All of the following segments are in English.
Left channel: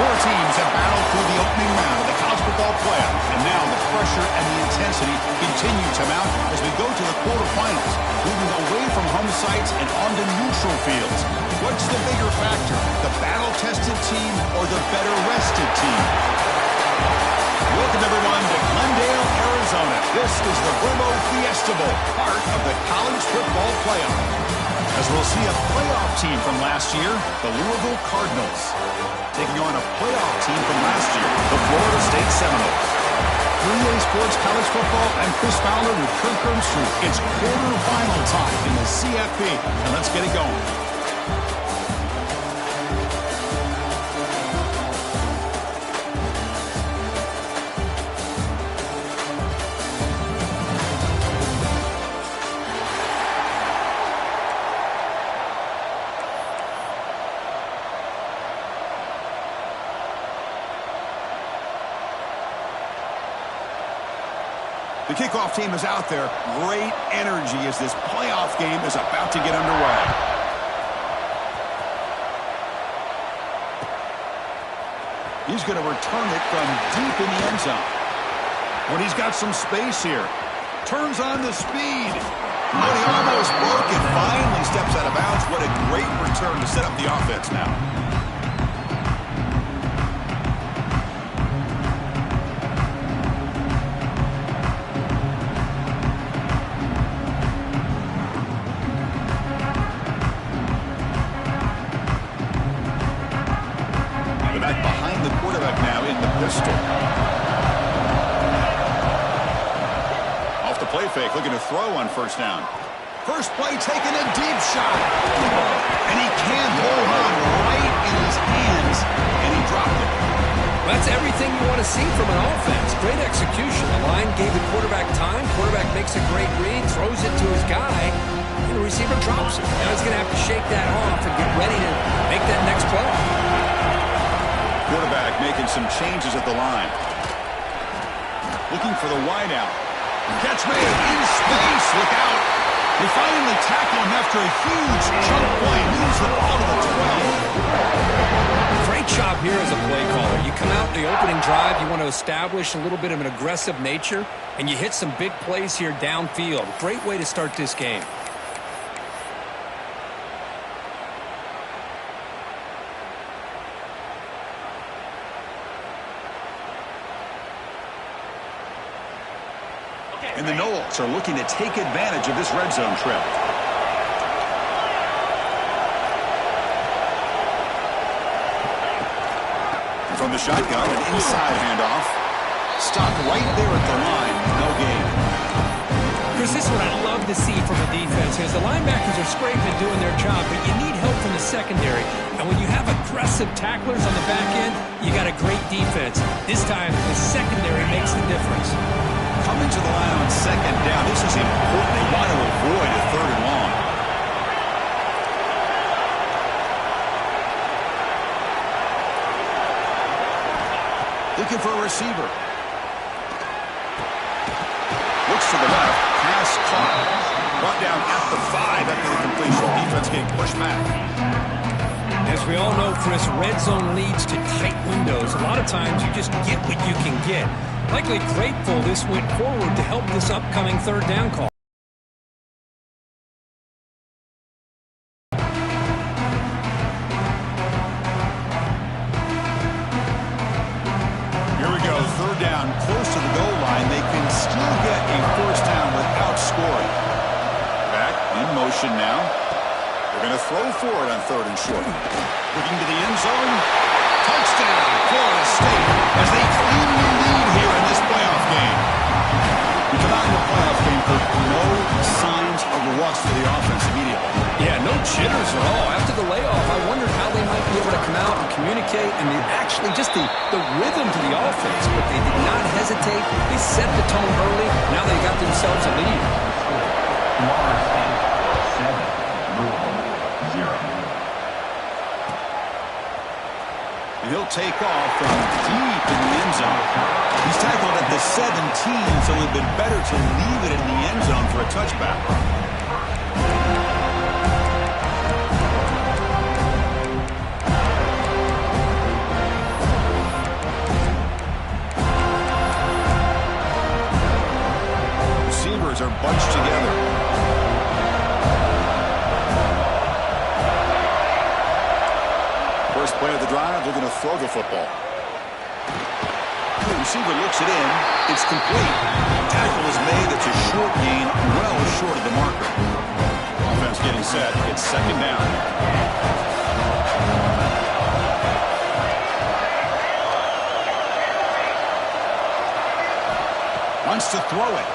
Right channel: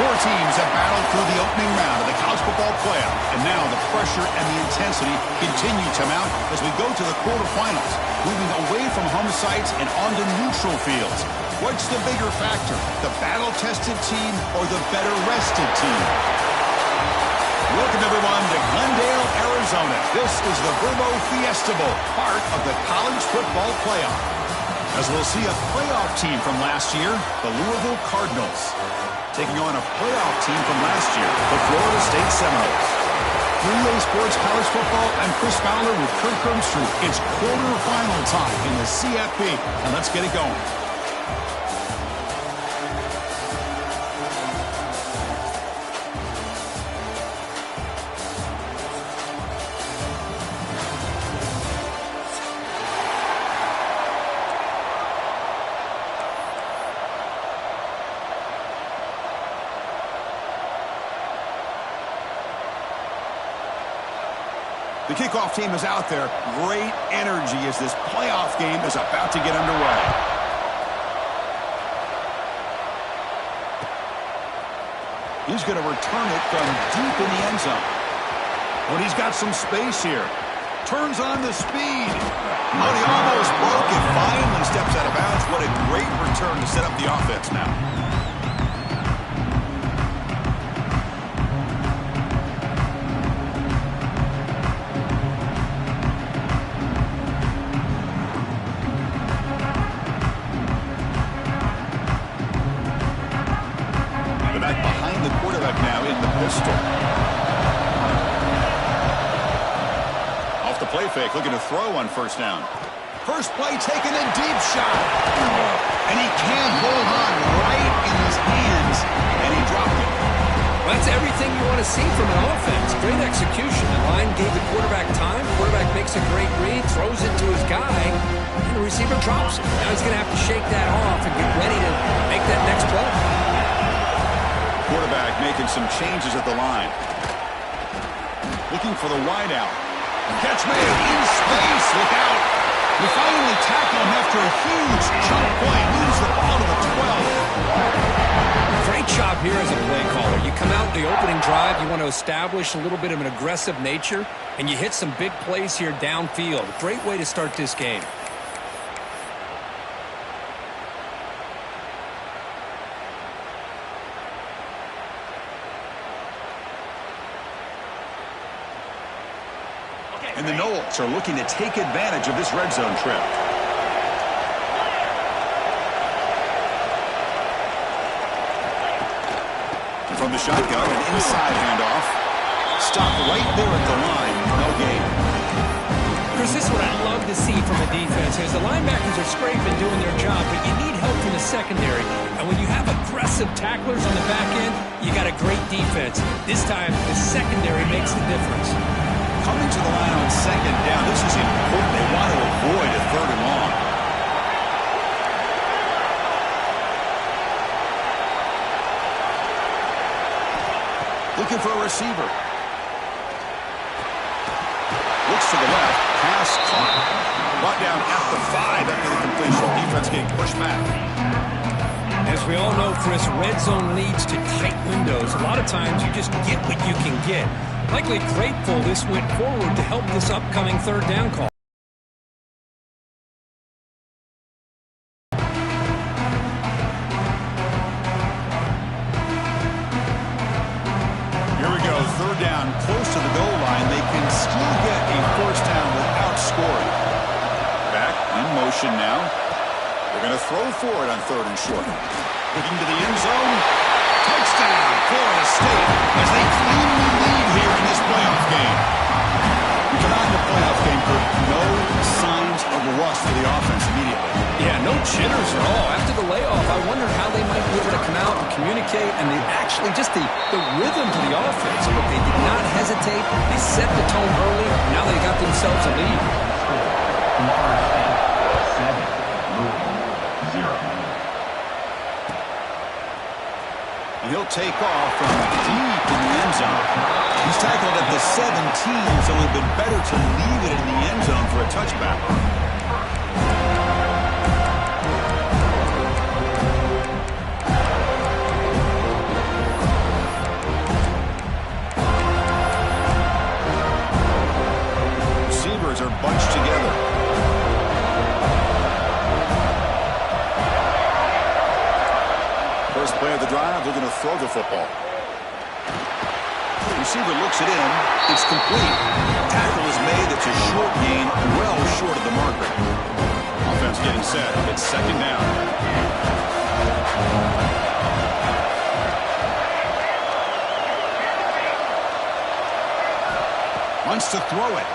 Four teams have battled through the opening round of the college football playoff, and now the pressure and the intensity continue to mount as we go to the quarterfinals, moving away from home sites and onto neutral fields. What's the bigger factor, the battle-tested team or the better-rested team? Welcome, everyone, to Glendale, Arizona. This is the Verbo Fiesta Bowl, part of the college football playoff. As we'll see a playoff team from last year, the Louisville Cardinals, taking on a playoff team from last year, the Florida State Seminoles. 3A Sports College Football, I'm Chris Fowler with Kirk Street. It's quarterfinal time in the CFP, and let's get it going. The kickoff team is out there. Great energy as this playoff game is about to get underway. He's going to return it from deep in the end zone. But he's got some space here. Turns on the speed. But he almost broke it. Finally steps out of bounds. What a great return to set up the offense now. Off the play fake, looking to throw on first down. First play taken, a deep shot. And he can't hold on right in his hands, and he dropped it. Well, that's everything you want to see from an offense. Great execution. The line gave the quarterback time. Quarterback makes a great read, throws it to his guy, and the receiver drops it. Now he's going to have to shake that off and get ready to make that next play. Quarterback making some changes at the line. Looking for the wide out. Catch made in space. Look out. We finally tackle him after a huge chunk play. Moves the ball to the 12. Great job here as a play caller. You come out in the opening drive. You want to establish a little bit of an aggressive nature, and you hit some big plays here downfield. Great way to start this game. And the Noles are looking to take advantage of this red zone trip. And from the shotgun, an inside handoff. Stopped right there at the line. No gain. Chris, this is what I love to see from a defense. Is the linebackers are scraping, doing their job, but you need help from the secondary. And when you have aggressive tacklers on the back end, you got a great defense. This time, the secondary makes the difference. Coming to the line on second down, this is important. They want to avoid a third and long. Looking for a receiver. Looks to the left. Pass caught. Brought down at the 5 after the completion. Defense getting pushed back. As we all know, Chris, red zone leads to tight windows. A lot of times you just get what you can get. Likely grateful this went forward to help this upcoming third down call. Here we go, third down, close to the goal line. They can still get a first down without scoring. Back in motion now. They're going to throw for it on third and short. Looking to the end zone. Touchdown, Florida State, as they claim the lead here in this playoff game. We come out in the playoff game, Kirk, no signs of rust for the offense immediately. Yeah, no jitters at all. After the layoff, I wondered how they might be able to come out and communicate, and actually just the rhythm to the offense. But they did not hesitate. They set the tone early. Now they got themselves a lead. Florida State 7, Louisville 0. And he'll take off from deep in the end zone. He's tackled at the 17, so it would have been better to leave it in the end zone for a touchback. First play of the drive, they're going to throw the football. The receiver looks it in. It's complete. Tackle is made. It's a short gain, well short of the marker. Offense getting set. It's second down. Wants to throw it.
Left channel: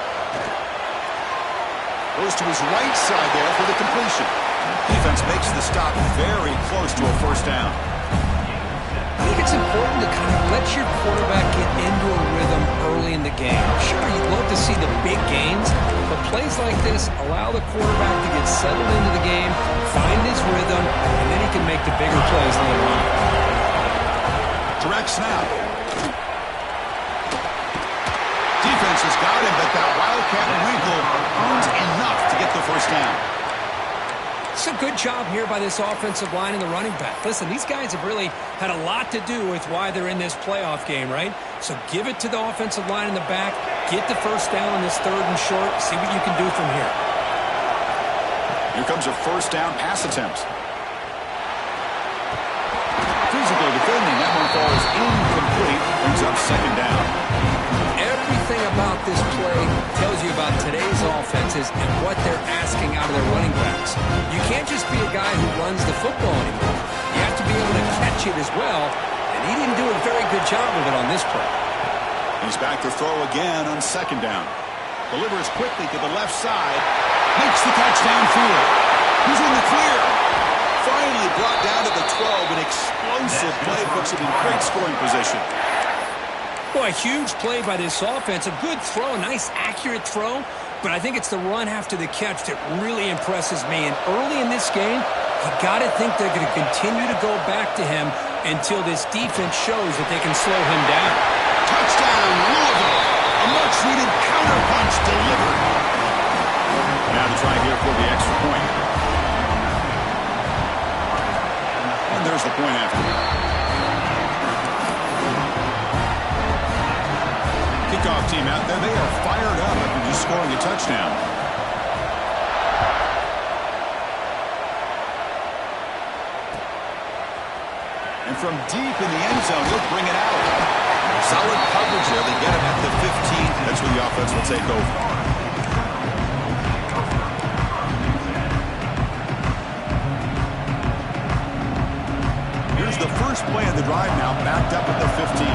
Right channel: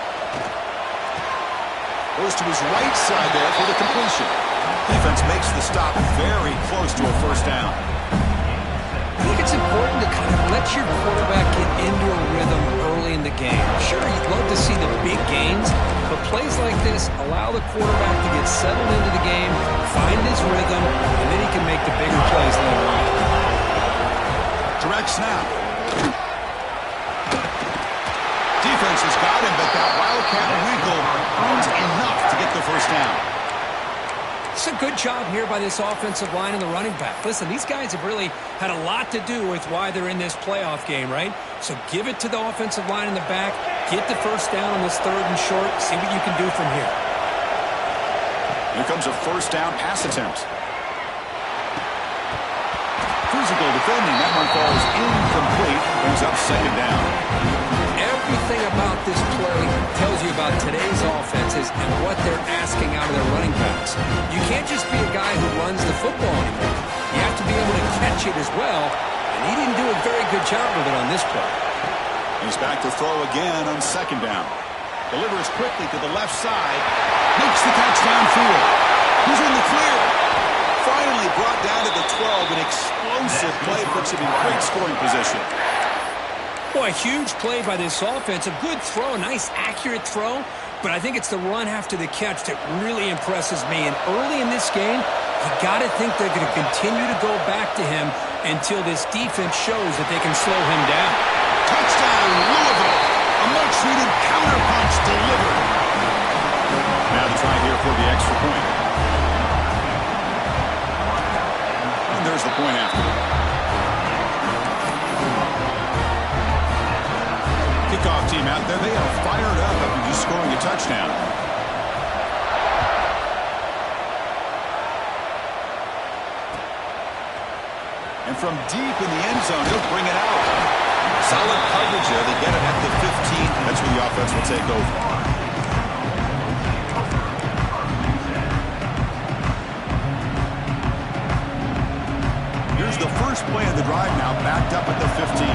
Goes to his right side there for the completion. Defense makes the stop very close to a first down. I think it's important to kind of let your quarterback get into a rhythm early in the game. Sure, you'd love to see the big gains, but plays like this allow the quarterback to get settled into the game, find his rhythm, and then he can make the bigger plays later on. Direct snap. Defense has got him, but that Wildcat wrinkle earns enough to get the first down. It's a good job here by this offensive line and the running back. Listen, these guys have really had a lot to do with why they're in this playoff game, right? So give it to the offensive line in the back. Get the first down on this third and short. See what you can do from here. Here comes a first down pass attempt. Physical defending. That one falls incomplete. Brings up second down. Everything about this play tells you about today's offenses and what they're asking out of their running backs. You can't just be a guy who runs the football anymore. You have to be able to catch it as well, and he didn't do a very good job of it on this play. He's back to throw again on second down. Delivers quickly to the left side. Makes the catch downfield. He's in the clear. Finally brought down to the 12. An explosive play puts him in great scoring position. Boy, a huge play by this offense. A good throw, a nice accurate throw. But I think it's the run after the catch that really impresses me. And early in this game, you got to think they're going to continue to go back to him until this defense shows that they can slow him down. Touchdown, Louisville. A much-needed counterpunch delivered. Now the try here for the extra point. And there's the point after. Kickoff team out there. They are fired up after just scoring a touchdown. And from deep in the end zone, he'll bring it out. Solid coverage there. They get him at the 15. That's where the offense will take over. Here's the first play of the drive now, backed up at the 15.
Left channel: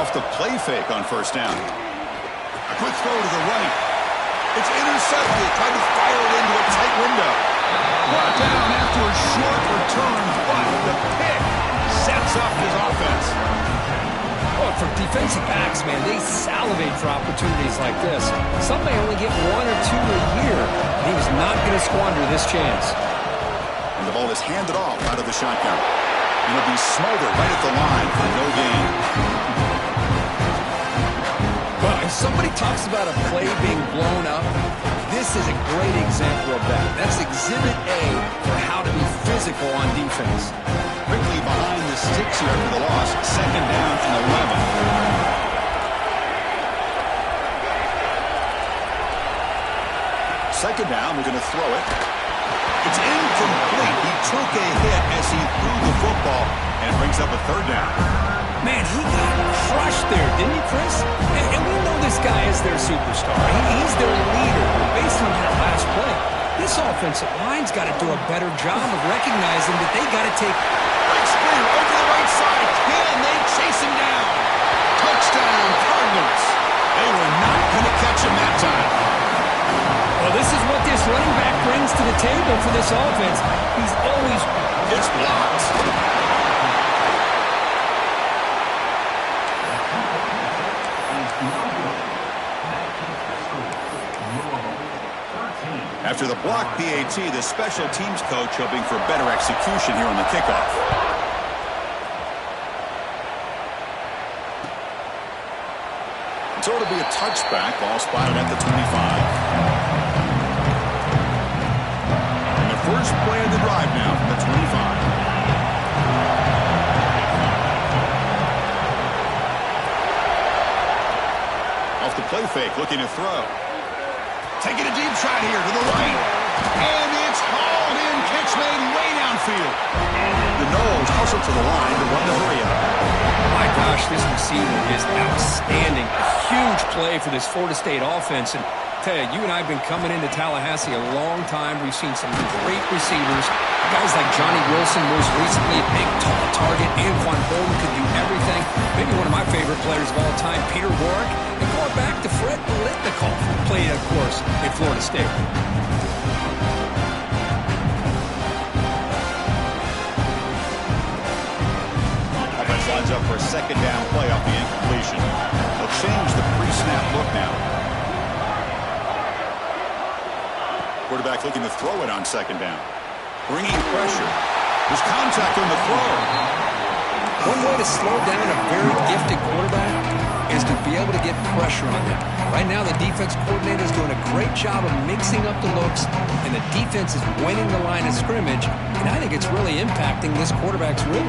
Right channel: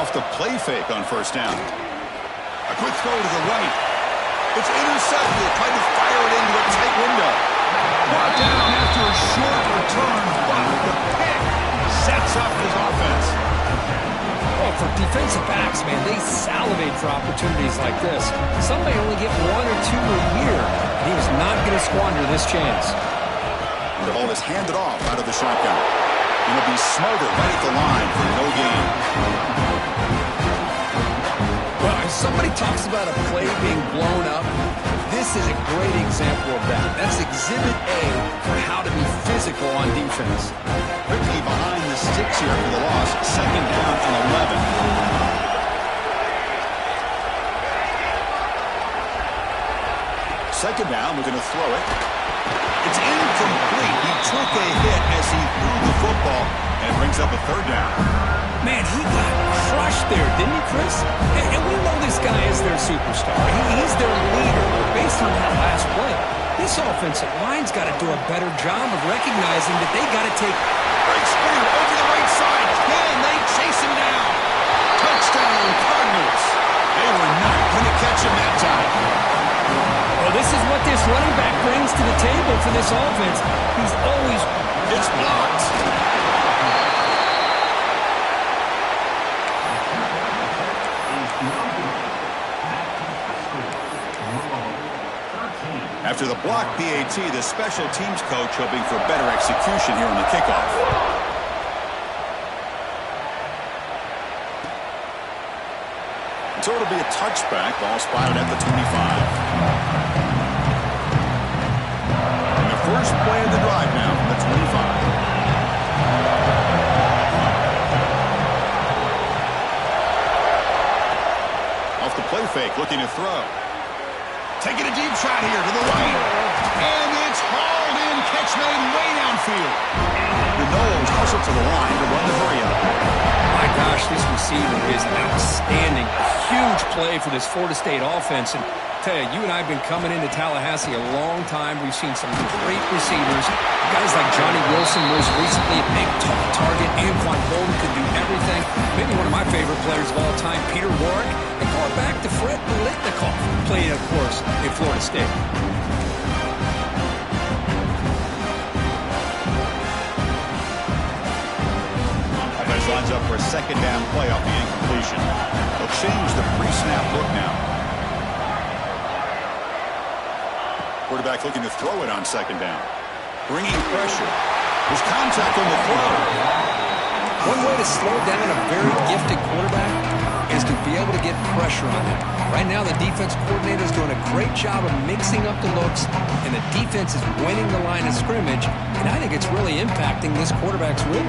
Off the play fake on first down. A quick throw to the right. It's intercepted. Tried to fire it into a tight window. Brought down after a short return, but the pick sets up his offense. Oh, for defensive backs, man, they salivate for opportunities like this. Some may only get one or two a year, and he was not going to squander this chance. And the ball is handed off out of the shotgun. And it'll be smothered right at the line for no gain. Well, if somebody talks about a play being blown up, this is a great example of that. That's exhibit A for how to be physical on defense. Quickly behind the sticks here for the loss. Second down and 11. Second down, we're going to throw it. It's incomplete. He took a hit as he threw the football, and it brings up a third down. Man, he got crushed there, didn't he, Chris? And we know this guy is their superstar. He's their leader. But based on that last play, this offensive line's got to do a better job of recognizing that they got to take... Great spear over the right side. Can they chase him down? Touchdown, Cardinals. They were not going to catch him that time. Well, this is what this running back brings to the table for this offense. He's always... It's blocked. After the block PAT, the special teams coach hoping for better execution here on the kickoff. So it'll be a touchback. Ball spotted at the 25. And the first play of the drive now from the 25. Off the play fake, looking to throw. Taking a deep shot here to the right. And it's hauled in. Catch made way downfield. The Noles hustle to the line to run the hurry up. My gosh, this receiver is outstanding. A huge play for this Florida State offense. And tell you, you and I have been coming into Tallahassee a long time. We've seen some great receivers. Guys like Johnny Wilson, most recently, a big, tall target. Anquan Bolden could do everything. Maybe one of my favorite players of all time, Peter Warwick. And going back to Fred Biletnikoff, played, of course, in Florida State. Offense lines up for a second down play off the incompletion. They'll change the pre-snap look now. Quarterback looking to throw it on second down. Bringing pressure. There's contact on the throw. One way to slow down a very gifted quarterback is to be able to get pressure on him. Right now, the defense coordinator is doing a great job of mixing up the looks, and the defense is winning the line of scrimmage, and I think it's really impacting this quarterback's rhythm.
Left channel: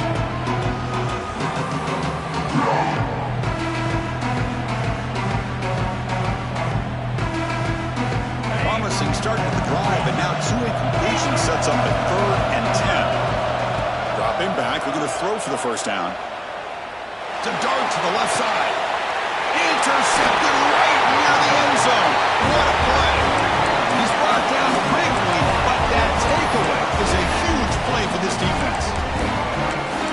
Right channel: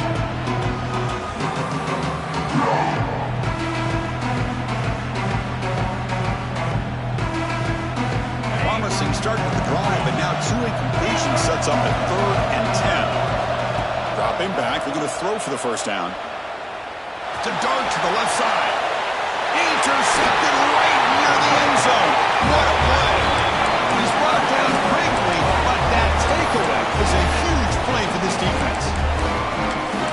Promising start to the drive, but now 2 incompletions sets up a 3rd and 10. Dropping back, looking to throw for the first down. To dart to the left side. Intercepted right near the end zone. What a play. He's brought down quickly, but that takeaway is a huge play for this defense.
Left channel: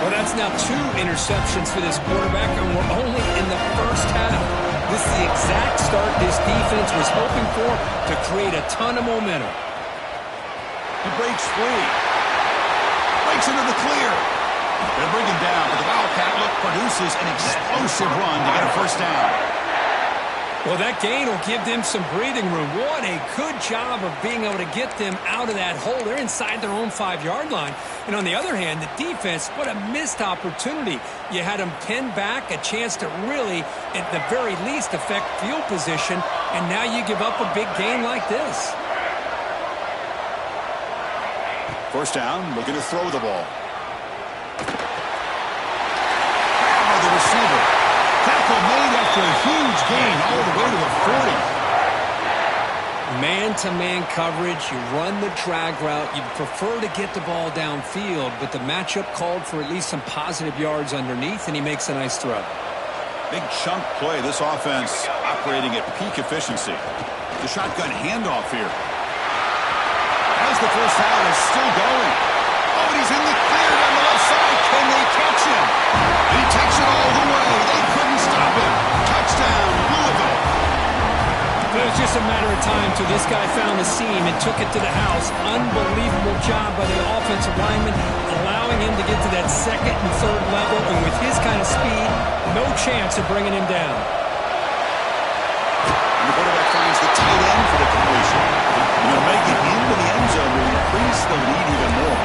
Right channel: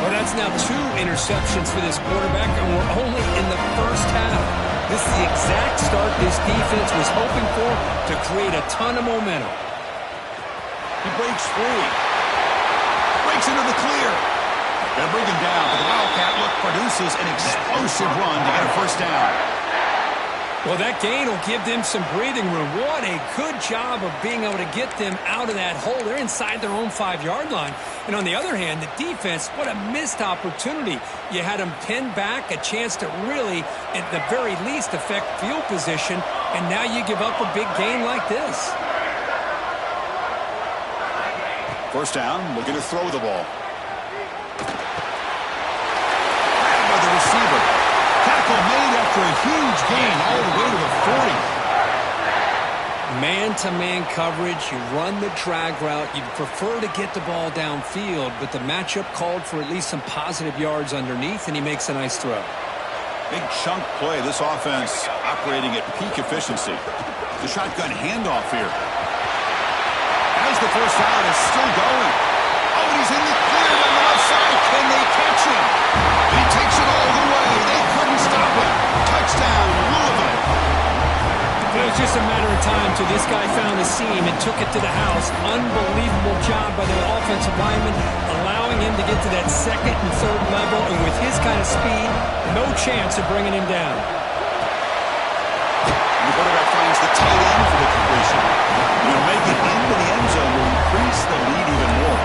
Well, that's now 2 interceptions for this quarterback, and we're only in the first half. This is the exact start this defense was hoping for to create a ton of momentum. He breaks free. Breaks into the clear. Gonna bring him down, but the Wildcat look produces an explosive run to get a first down. Well, that gain will give them some breathing room. What a good job of being able to get them out of that hole. They're inside their own 5-yard line. And on the other hand, the defense, what a missed opportunity. You had them pinned back, a chance to really, at the very least, affect field position. And now you give up a big gain like this. First down, looking to throw the ball. Grab by the receiver. Tackle made after a huge gain all the way to the 40. Man-to-man coverage, you run the drag route. You'd prefer to get the ball downfield, but the matchup called for at least some positive yards underneath, and he makes a nice throw. Big chunk play. This offense operating at peak efficiency. The shotgun handoff here. As the first down is still going. Oh, and he's in the clear down the left side. Can they catch him? He takes it all the way. They couldn't stop him. Touchdown, Louisville. It was just a matter of time till this guy found the seam and took it to the house. Unbelievable job by the offensive lineman, allowing him to get to that 2nd and 3rd level, and with his kind of speed, no chance of bringing him down. And the quarterback finds the tight end for the completion. And he'll make it into the end zone will increase the lead even more.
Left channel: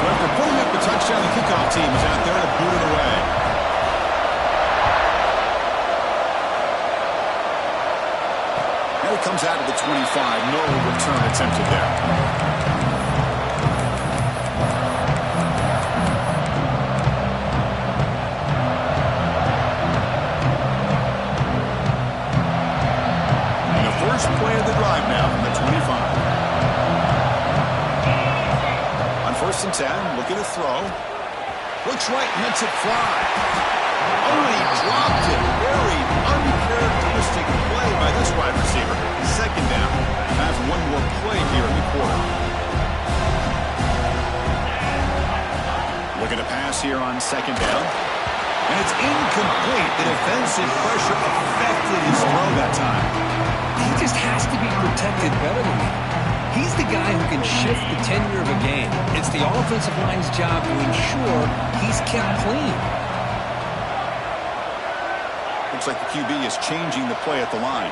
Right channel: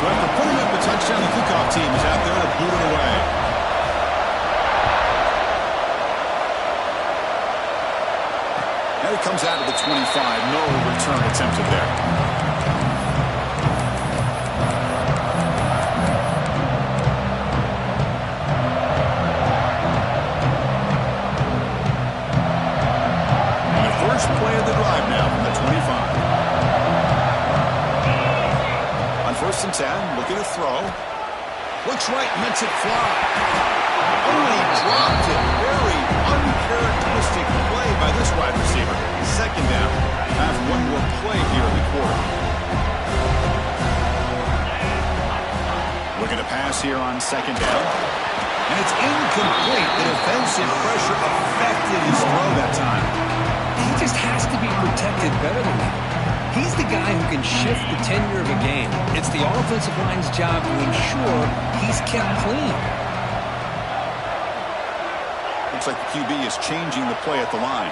So after putting up a touchdown, the kickoff team is out there to boot it away. And it comes out of the 25. No return attempted there. And the first play of the drive now from the 25. On 1st and 10, looking to throw. Looks right, lets it fly. Oh, and he dropped it. Very uncharacteristic play by this wide receiver. 2nd down. Have one more play here in the quarter. Looking to pass here on 2nd down. And it's incomplete. The defensive pressure affected his throw that time. He just has to be protected better than that. He's the guy who can shift the tenure of a game. It's the offensive line's job to ensure he's kept clean. Looks like the QB is changing the play at the line.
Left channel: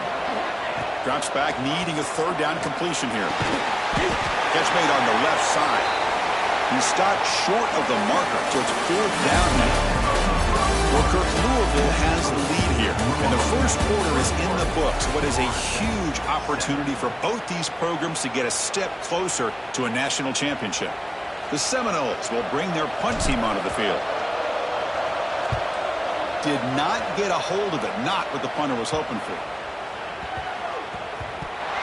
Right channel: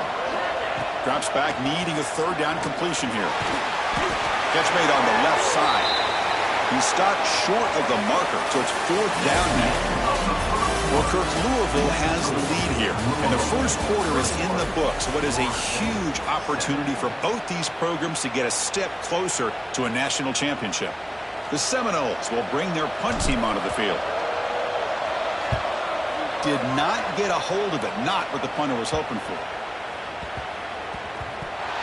Drops back, needing a 3rd down completion here. Catch made on the left side. He stopped short of the marker, so it's 4th down now. Well, Kirk, Louisville has the lead here, and the first quarter is in the books. What is a huge opportunity for both these programs to get a step closer to a national championship. The Seminoles will bring their punt team onto the field. Did not get a hold of it, not what the punter was hoping for.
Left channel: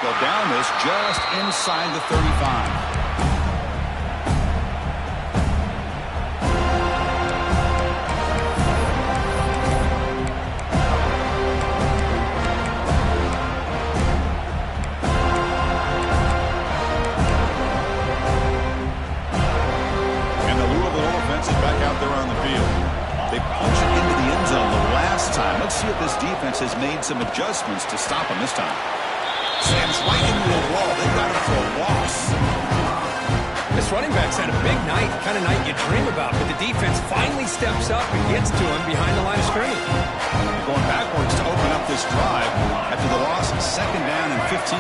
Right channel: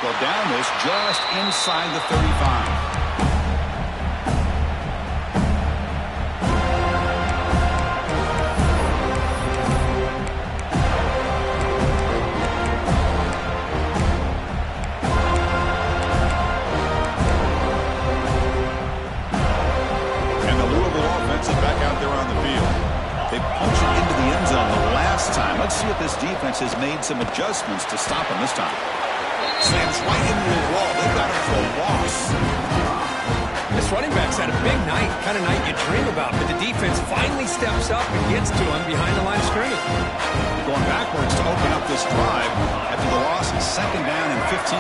They'll down this just inside the 35. Is back out there on the field. They punched it into the end zone the last time. Let's see if this defense has made some adjustments to stop him this time. Slams right into a wall. They've got him for a loss. This running back's had a big night, kind of night you dream about, but the defense finally steps up and gets to him behind the line of scrimmage. Going backwards to open up this drive after the loss, second down and 15.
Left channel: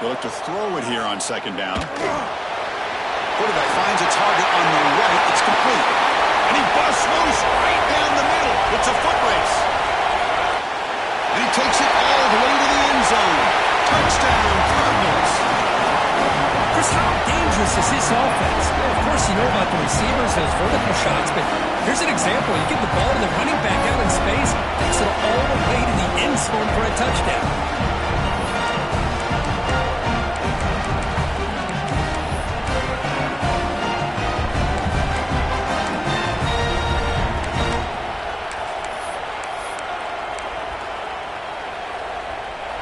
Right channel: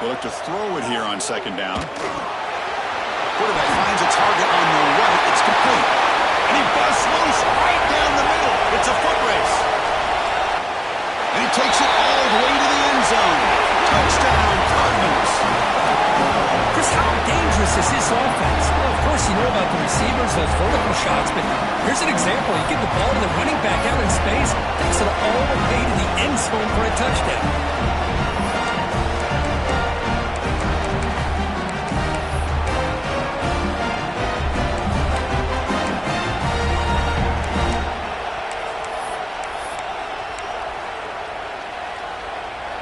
They'll look to throw it here on second down. Quarterback finds a target on the right. It's complete. And he busts loose right down the middle. It's a foot race. And he takes it all the way to the end zone. Touchdown, Cardinals. Chris, how dangerous is this offense? Well, of course, you know about the receivers, those vertical shots, but here's an example. You give the ball to the running back out in space, takes it all the way to the end zone for a touchdown.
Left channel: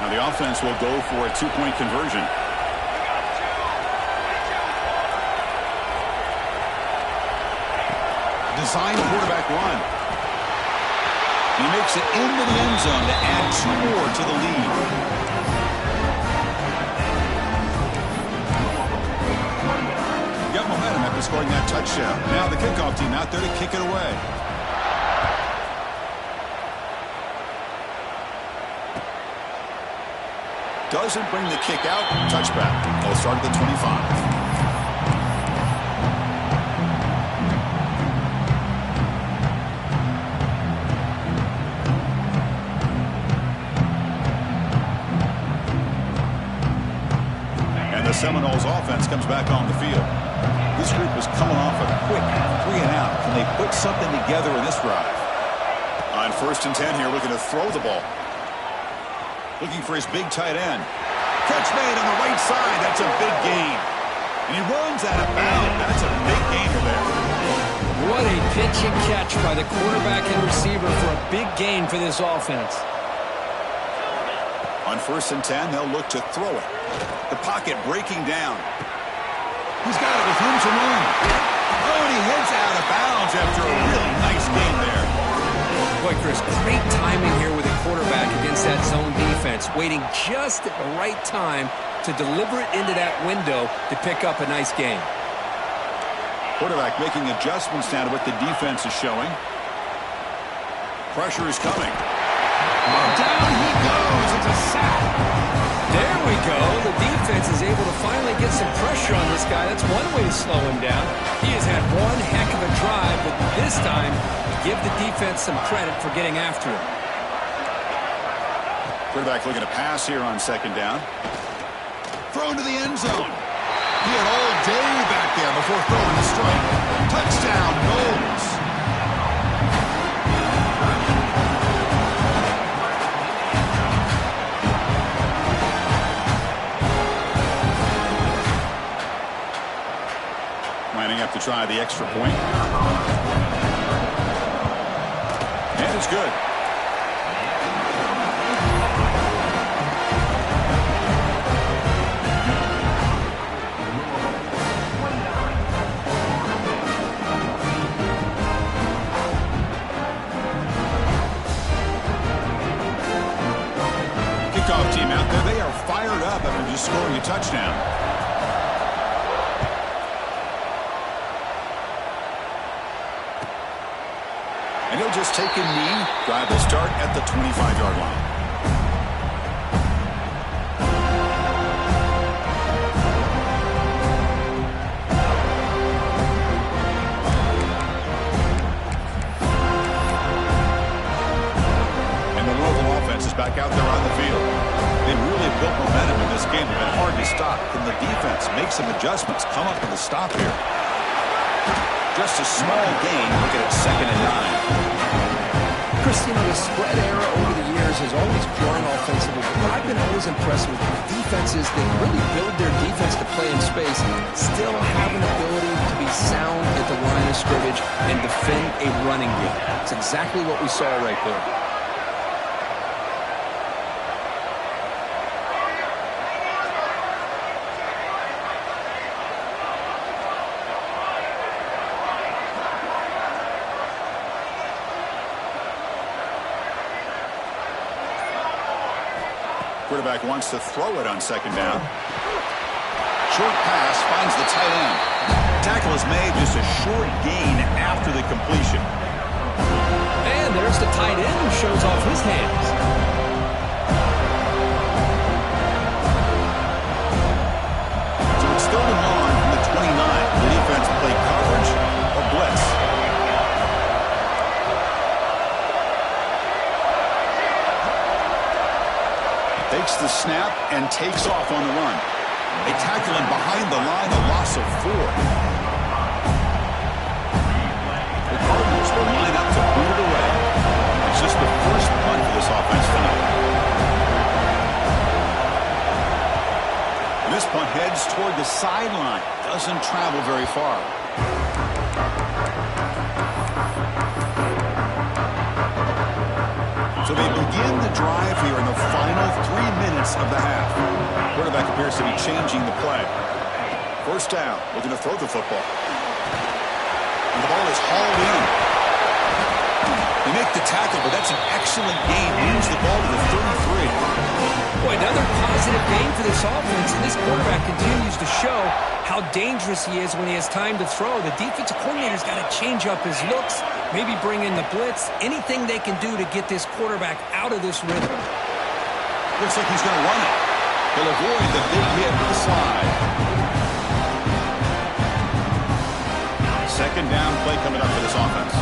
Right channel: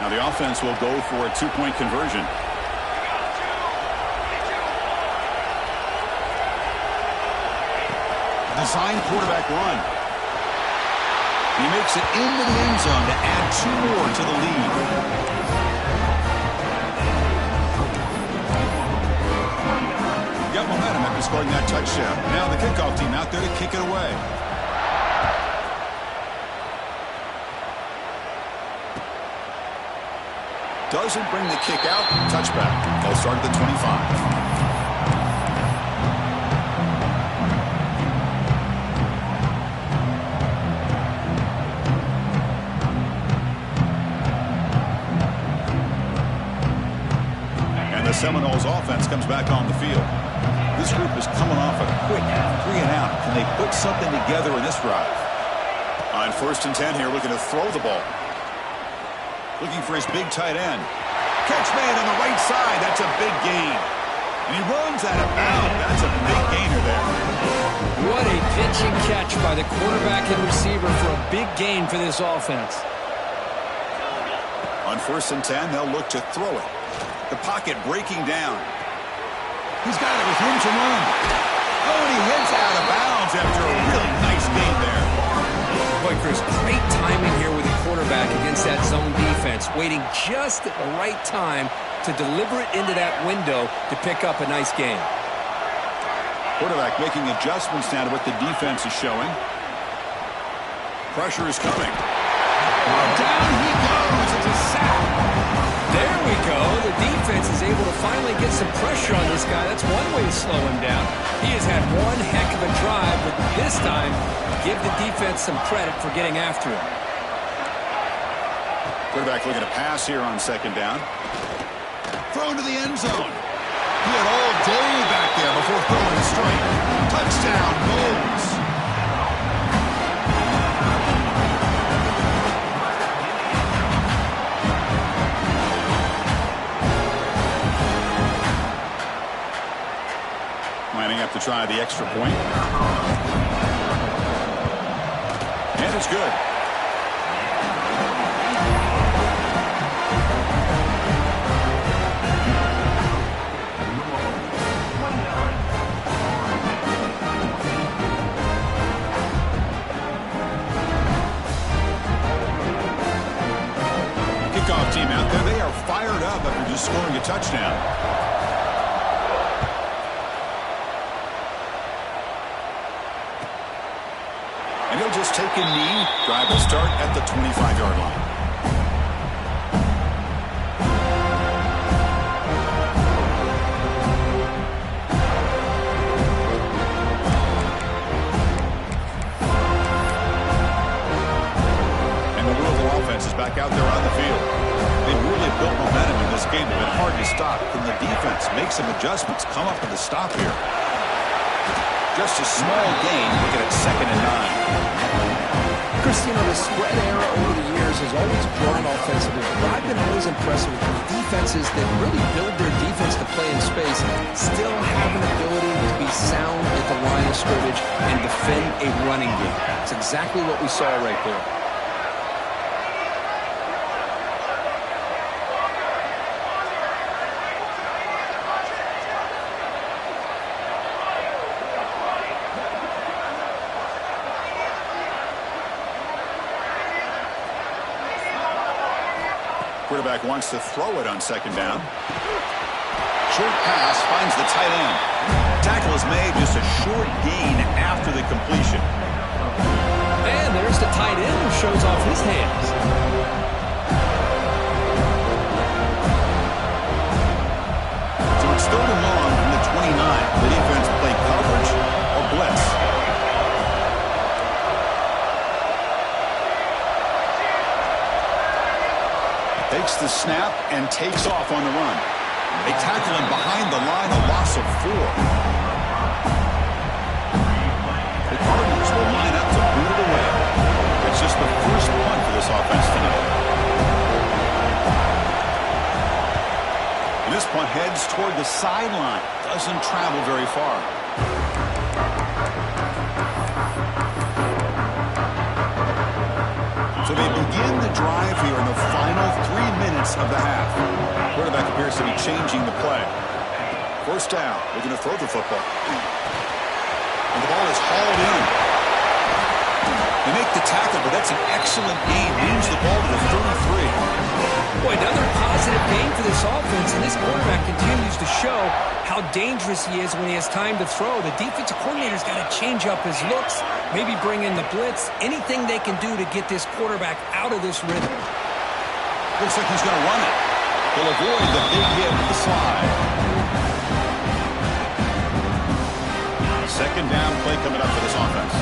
Now the offense will go for a two-point conversion. Design quarterback run. He makes it into the end zone to add two more to the lead. Got momentum after scoring that touchdown. Now the kickoff team out there to kick it away. Doesn't bring the kick out. Touchback. They'll start at the 25. And the Seminoles offense comes back on the field. This group is coming off a quick 3 and out. Can they put something together in this drive? On 1st and 10 here, looking to throw the ball. Looking for his big tight end. Catch made on the right side. That's a big gain. And he runs out of bounds. That's a big gainer there. What a pitch and catch by the quarterback and receiver for a big gain for this offense. On 1st and 10, they'll look to throw it. The pocket breaking down. He's got it with room to run. Oh, and he heads out of bounds after a really nice gain there. Boy, Chris, great timing here with the quarterback against that zone defense, waiting just at the right time to deliver it into that window to pick up a nice gain. Quarterback making adjustments now to what the defense is showing. Pressure is coming. Well, down he goes. It's a sack. There we go. The defense is able to finally get some pressure on this guy. That's one way to slow him down. He has had one heck of a drive, but this time, give the defense some credit for getting after him. Quarterback looking to pass here on second down. Thrown to the end zone. He had all day back there before throwing the strike. Touchdown, Knowles. Lining up to try the extra point. And it's good. Kickoff team out there. They are fired up after just scoring a touchdown. And he'll just take a knee. Drive will start at the 25-yard line. And the Louisville offense is back out there on the field. They've really built momentum in this game. They've been hard to stop. Can the defense make some adjustments? Come up with a stop here. Just a small gain. Look at it, 2nd and 9. Chris, you know, the spread era over the years coordinators is always drawn offensively, but what I've been always impressed with defenses that really build their defense to play in space still have an ability to be sound at the line of scrimmage and defend a running game. It's exactly what we saw right there. Quarterback wants to throw it on second down. Short pass finds the tight end. Tackle is made, just a short gain after the completion. And there's the tight end who shows off his hands. So it's 3rd and long from the 29. The defense play coverage or blitz. Takes the snap and takes off on the run. They tackle him behind the line, a loss of 4. The Cardinals will line up to boot it away. It's just the first punt for this offense tonight. And this punt heads toward the sideline. Doesn't travel very far. So they begin the drive here in the final 3 minutes of the half. Quarterback appears to be changing the play. First down, looking to throw the football. And the ball is hauled in. They make the tackle, but that's an excellent gain. Moves the ball to the 33. Boy, another positive game for this offense, and this quarterback continues to show how dangerous he is when he has time to throw. The defensive coordinator's got to change up his looks, maybe bring in the blitz, anything they can do to get this quarterback out of this rhythm. Looks like he's going to run it. He'll avoid the big hit with the slide. Second down play coming up for this offense.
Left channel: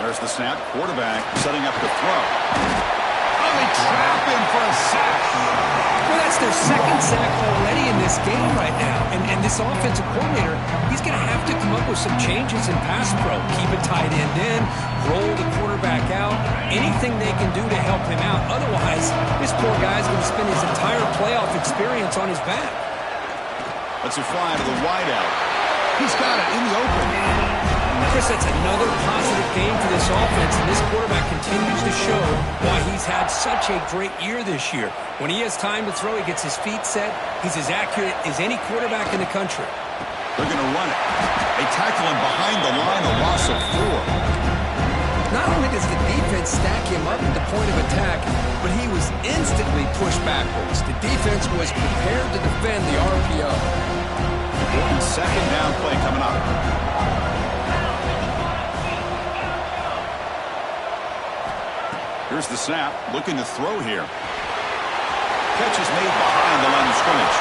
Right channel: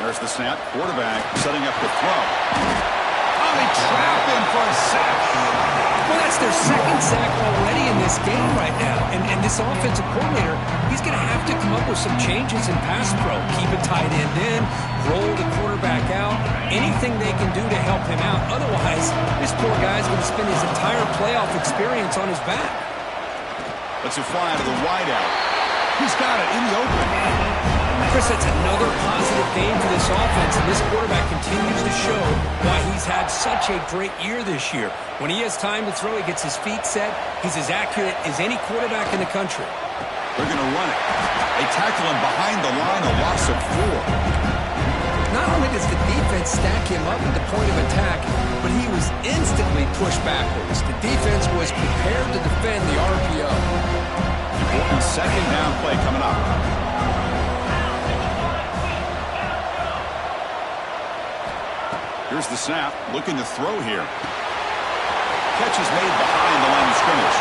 There's the snap. Quarterback setting up to throw. Oh, they trap him for a sack. Well, that's their second sack already in this game right now. And this offensive coordinator, he's going to have to come up with some changes in pass pro. Keep a tight end in, roll the quarterback out, anything they can do to help him out. Otherwise, this poor guy's going to spend his entire playoff experience on his back. Let's it fly to the wideout. He's got it in the open. Chris, that's another positive game for this offense, and this quarterback continues to show why he's had such a great year this year. When he has time to throw, he gets his feet set. He's as accurate as any quarterback in the country. They're going to run it. They tackle him behind the line, a loss of 4. Not only does the defense stack him up at the point of attack, but he was instantly pushed backwards. The defense was prepared to defend the RPO. Important second down play coming up. Here's the snap, looking to throw here. Catch is made behind the line of scrimmage.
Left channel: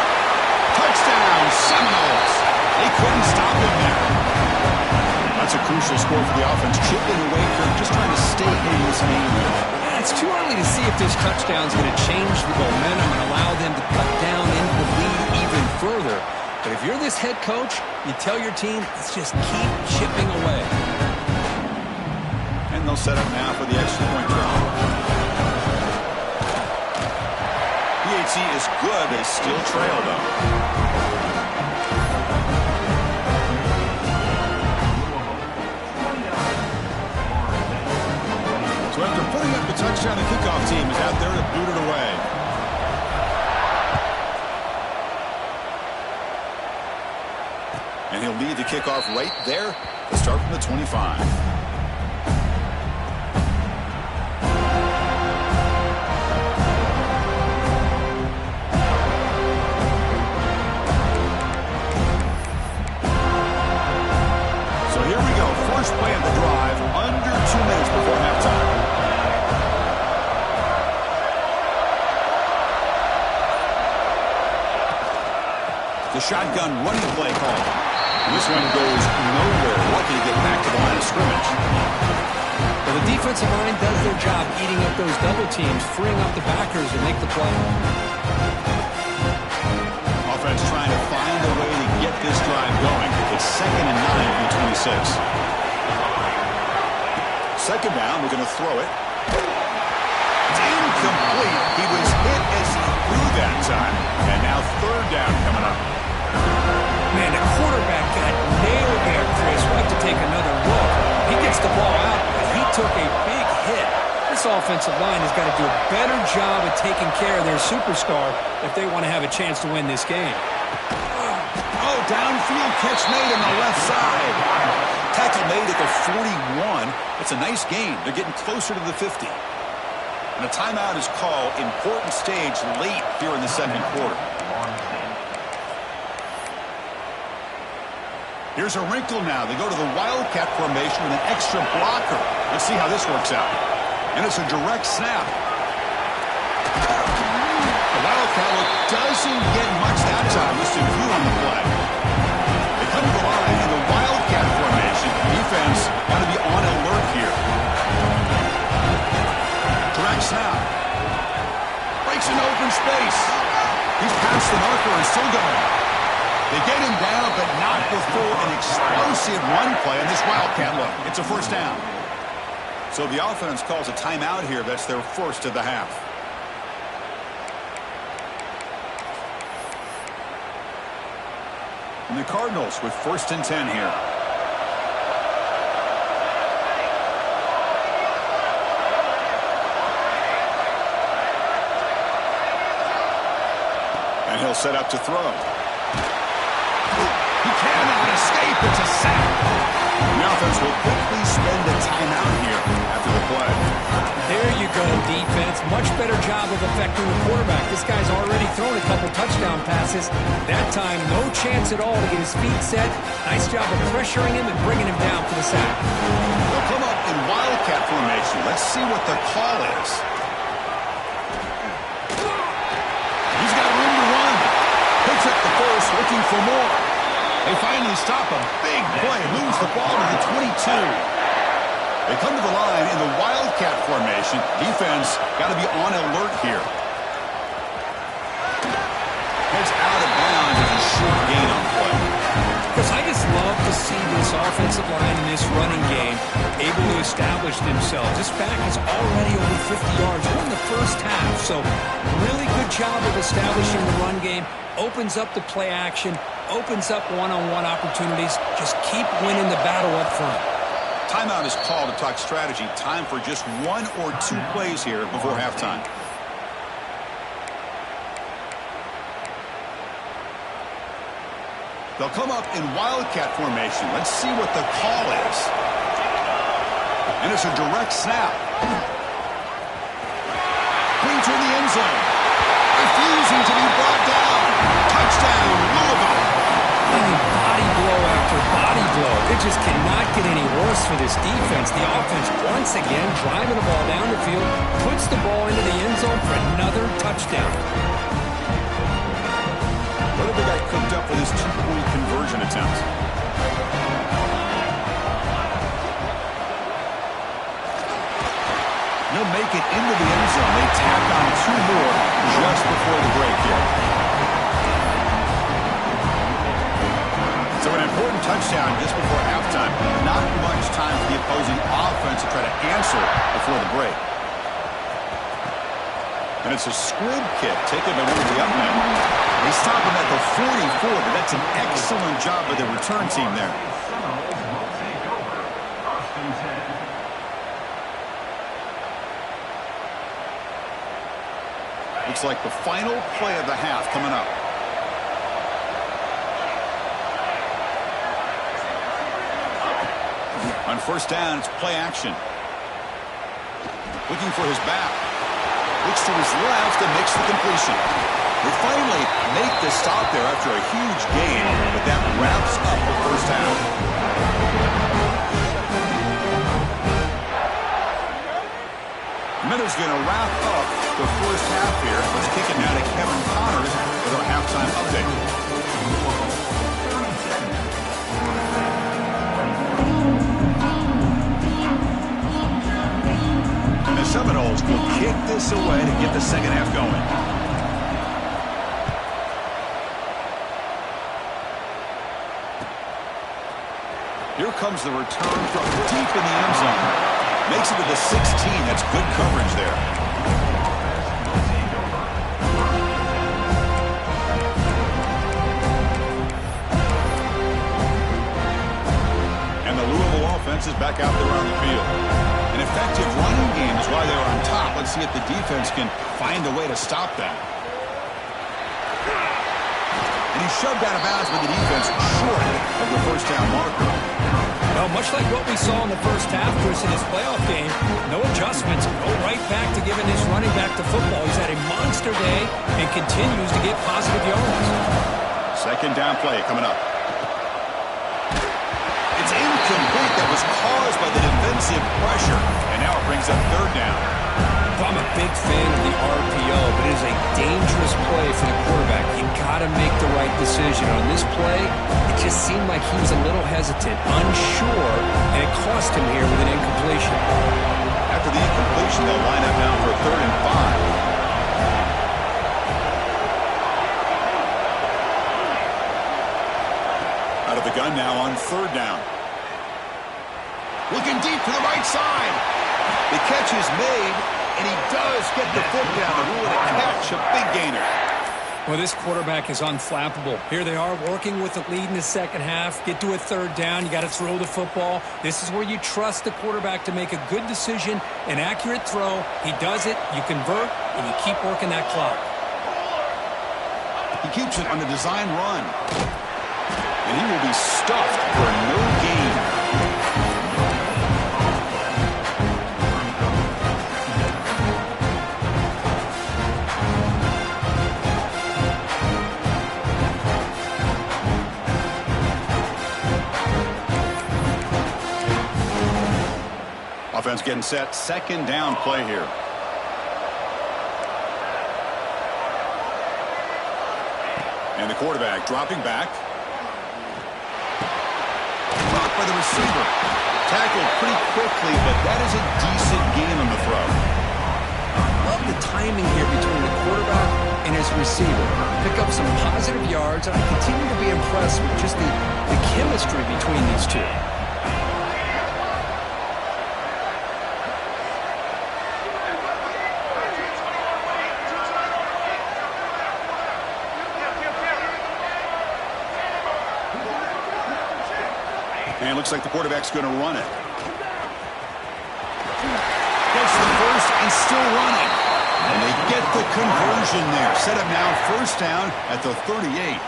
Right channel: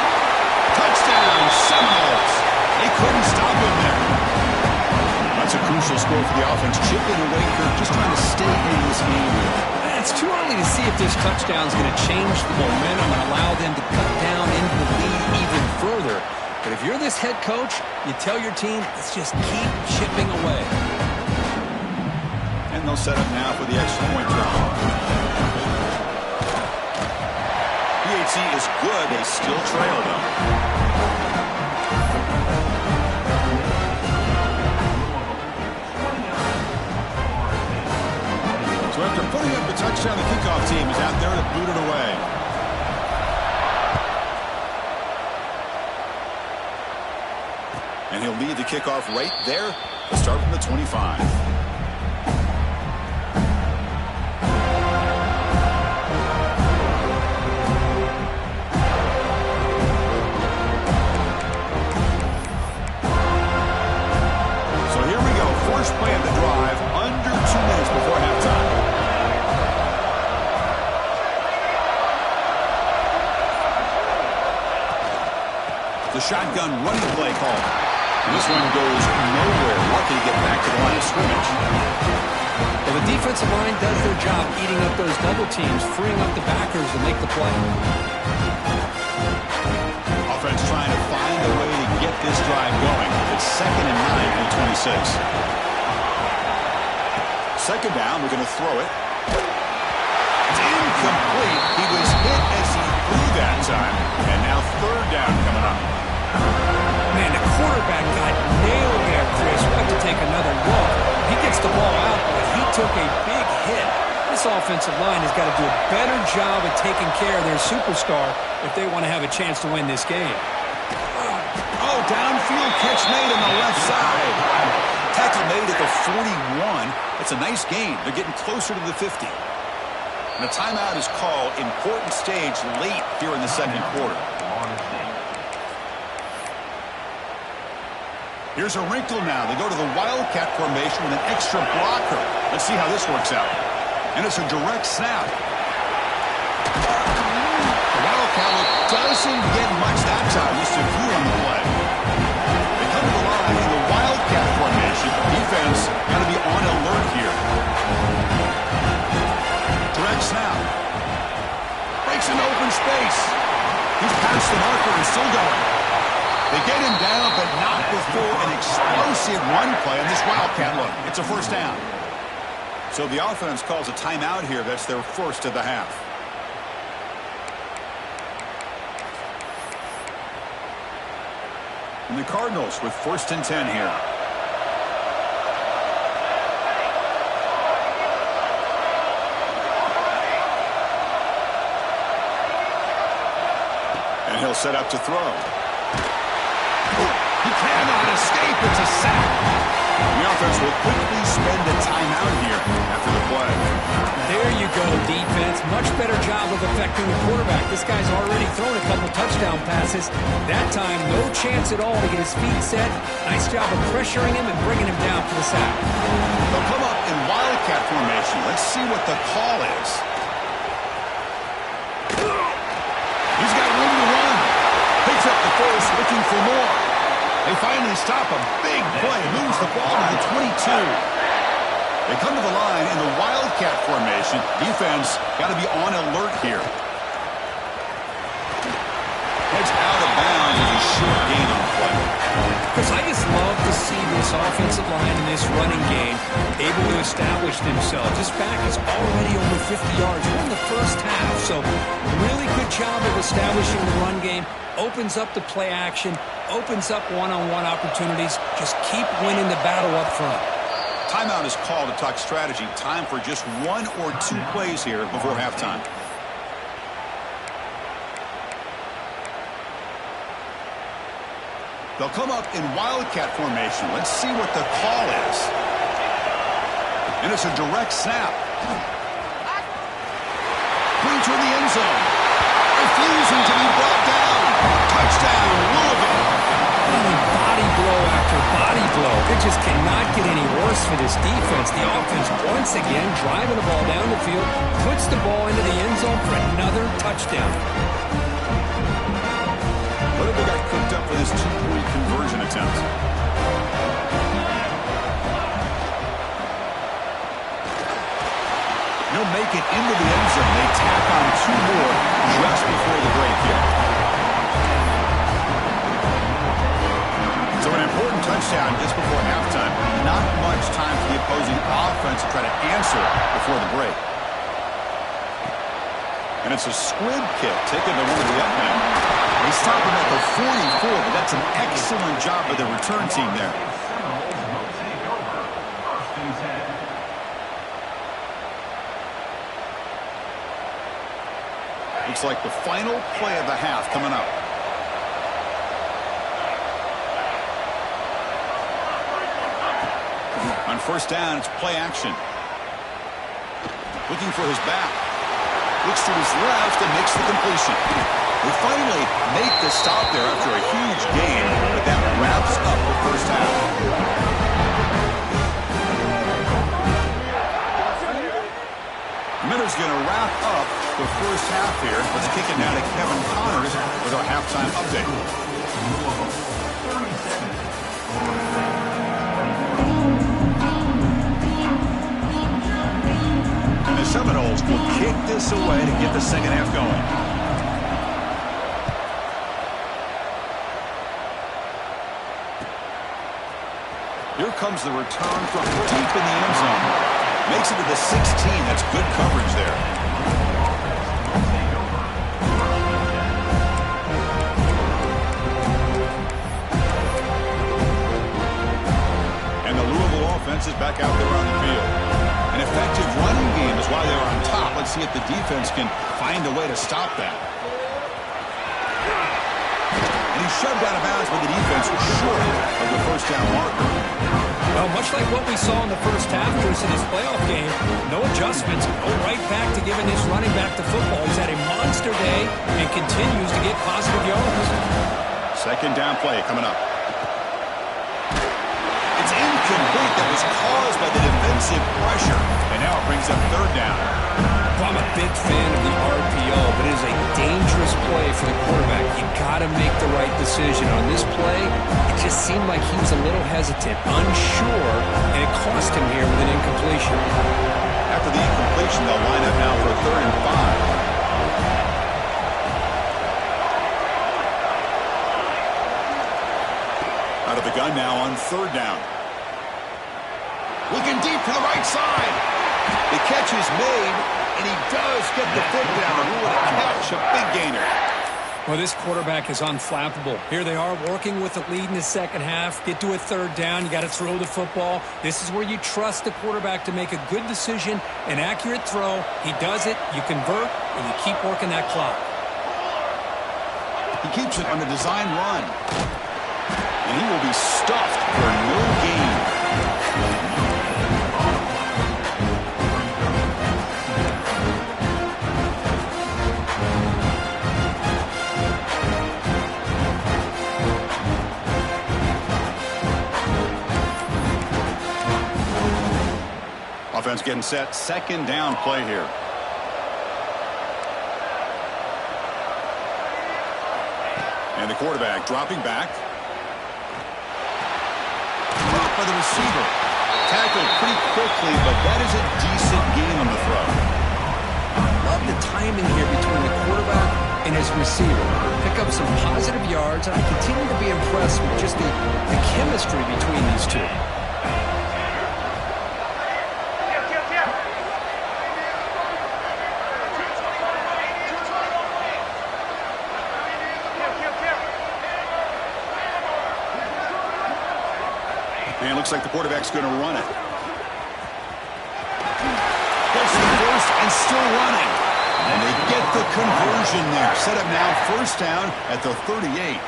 Touchdown, Seminoles! They couldn't stop him there. That's a crucial score for the offense. Chipping away, Kirk, just trying to stay in this game here. It's too early to see if this touchdown is going to change the momentum and allow them to cut down into the lead even further. But if you're this head coach, you tell your team, let's just keep chipping away. And they'll set up now for the extra point try. PHC is good. They still trail, though. So after putting up the touchdown, the kickoff team is out there to boot it away. And he'll lead the kickoff right there to start from the 25. First play of the drive, under 2 minutes before halftime. The shotgun running play called. And this one goes nowhere. Lucky to get back to the line of scrimmage. Well, the defensive line does their job eating up those double teams, freeing up the backers to make the play. offense trying to find a way to get this drive going. It's 2nd and 9 from the 26. Second down, we're going to throw it. It's incomplete. He was hit as he threw that time. And now 3rd down coming up. Man, the quarterback got nailed there, Chris. We'll have to take another look. He gets the ball out, but he took a big hit. This offensive line has got to do a better job of taking care of their superstar if they want to have a chance to win this game. Oh, downfield catch made on the left side. Tackle made at the 41. It's a nice gain. They're getting closer to the 50. And a timeout is called. Important stage late here in the second quarter. Here's a wrinkle now. They go to the Wildcat formation with an extra blocker. Let's see how this works out. And it's a direct snap. The Wildcat look doesn't get much that time. Just a few on the play. They come to the line in the Wildcat formation. Defense got to be on alert here. Direct snap. Breaks into open space. He's past the marker and still going. They get him down, but not before an explosive run play on this Wildcat look. It's a 1st down. So the offense calls a timeout here. That's their 1st of the half. And the Cardinals with 1st and 10 here. And he'll set up to throw. He cannot escape. It's a sack. The offense will quickly spend a timeout here after the play. There you go, defense. Much better job of affecting the quarterback. This guy's already thrown a couple touchdown passes. That time, no chance at all to get his feet set. Nice job of pressuring him and bringing him down for the sack. They'll come up in Wildcat formation. Let's see what the call is. He's got room to run. Picks up the first, looking for more. They finally stop a big play, moves the ball to the 22. They come to the line in the Wildcat formation. Defense got to be on alert here. Heads out of bounds as a short gain on the play. Chris, I just love to see this offensive line in this running game able to establish themselves. This back is already over 50 yards. We're in the first half, so really good job of establishing the run game. Opens up the play action, opens up one-on-one opportunities. Just keep winning the battle up front. Timeout is called to talk strategy. Time for just 1 or 2 plays here before halftime. They'll come up in Wildcat formation. Let's see what the call is. And it's a direct snap. Going toward the end zone. Refusing to be brought down. Touchdown, Louisville. Body blow after body blow. It just cannot get any worse for this defense. The offense once again driving the ball down the field, puts the ball into the end zone for another touchdown. What have they got cooked up for this 2-point conversion attempt? They'll make it into the end zone. They tack on 2 more just before the break here. So an important touchdown just before halftime. Not much time for the opposing offense to try to answer before the break. And it's a squib kick taken by one of the up men. They stop him at the 44, but that's an excellent job by the return team there. Looks like the final play of the half coming up. On 1st down, it's play action. Looking for his back. Looks to his left and makes the completion. They finally make the stop there after a huge gain, but that wraps up the first half. Minutes going to wrap up the first half here. Let's kick it now to Kevin Connors with our halftime update. And the Seminoles will kick this away to get the second half going. here comes the return from deep in the end zone. Makes it to the 16. That's good coverage there. And the Louisville offense is back out there on the field. An effective running game is why they're on top. Let's see if the defense can find a way to stop that. And he shoved out of bounds, but the defense was short of the first down marker. Well, much like what we saw in the first half, Chris, in his playoff game, no adjustments, go right back to giving this running back to football. He's had a monster day and continues to get positive yards. Second down play coming up. It's incomplete. That was caused by the defensive pressure. And now it brings up third down. Well, I'm a big fan of the RPO, but it is a dangerous play for the quarterback. You got to make the right decision. On this play, it just seemed like he was a little hesitant, unsure, and it cost him here with an incompletion. After the incompletion, they'll line up now for 3rd and 5. Out of the gun now on 3rd down. Looking deep to the right side. The catch is made, and he does get the foot down to rule it a catch, a big gainer. Well, this quarterback is unflappable. Here they are working with the lead in the second half. Get to a 3rd down. You got to throw the football. This is where you trust the quarterback to make a good decision, an accurate throw. He does it, you convert, and you keep working that clock. He keeps it on the design run. And he will be stuffed for no gain. Offense getting set. 2nd down play here. And the quarterback dropping back. Blocked by the receiver. Tackled pretty quickly, but that is a decent gain on the throw. I love the timing here between the quarterback and his receiver. Pick up some positive yards, and I continue to be impressed with just the chemistry between these two. And it looks like the quarterback's going to run it. Gets the first and still running. And they get the conversion there. Set up now 1st down at the 38.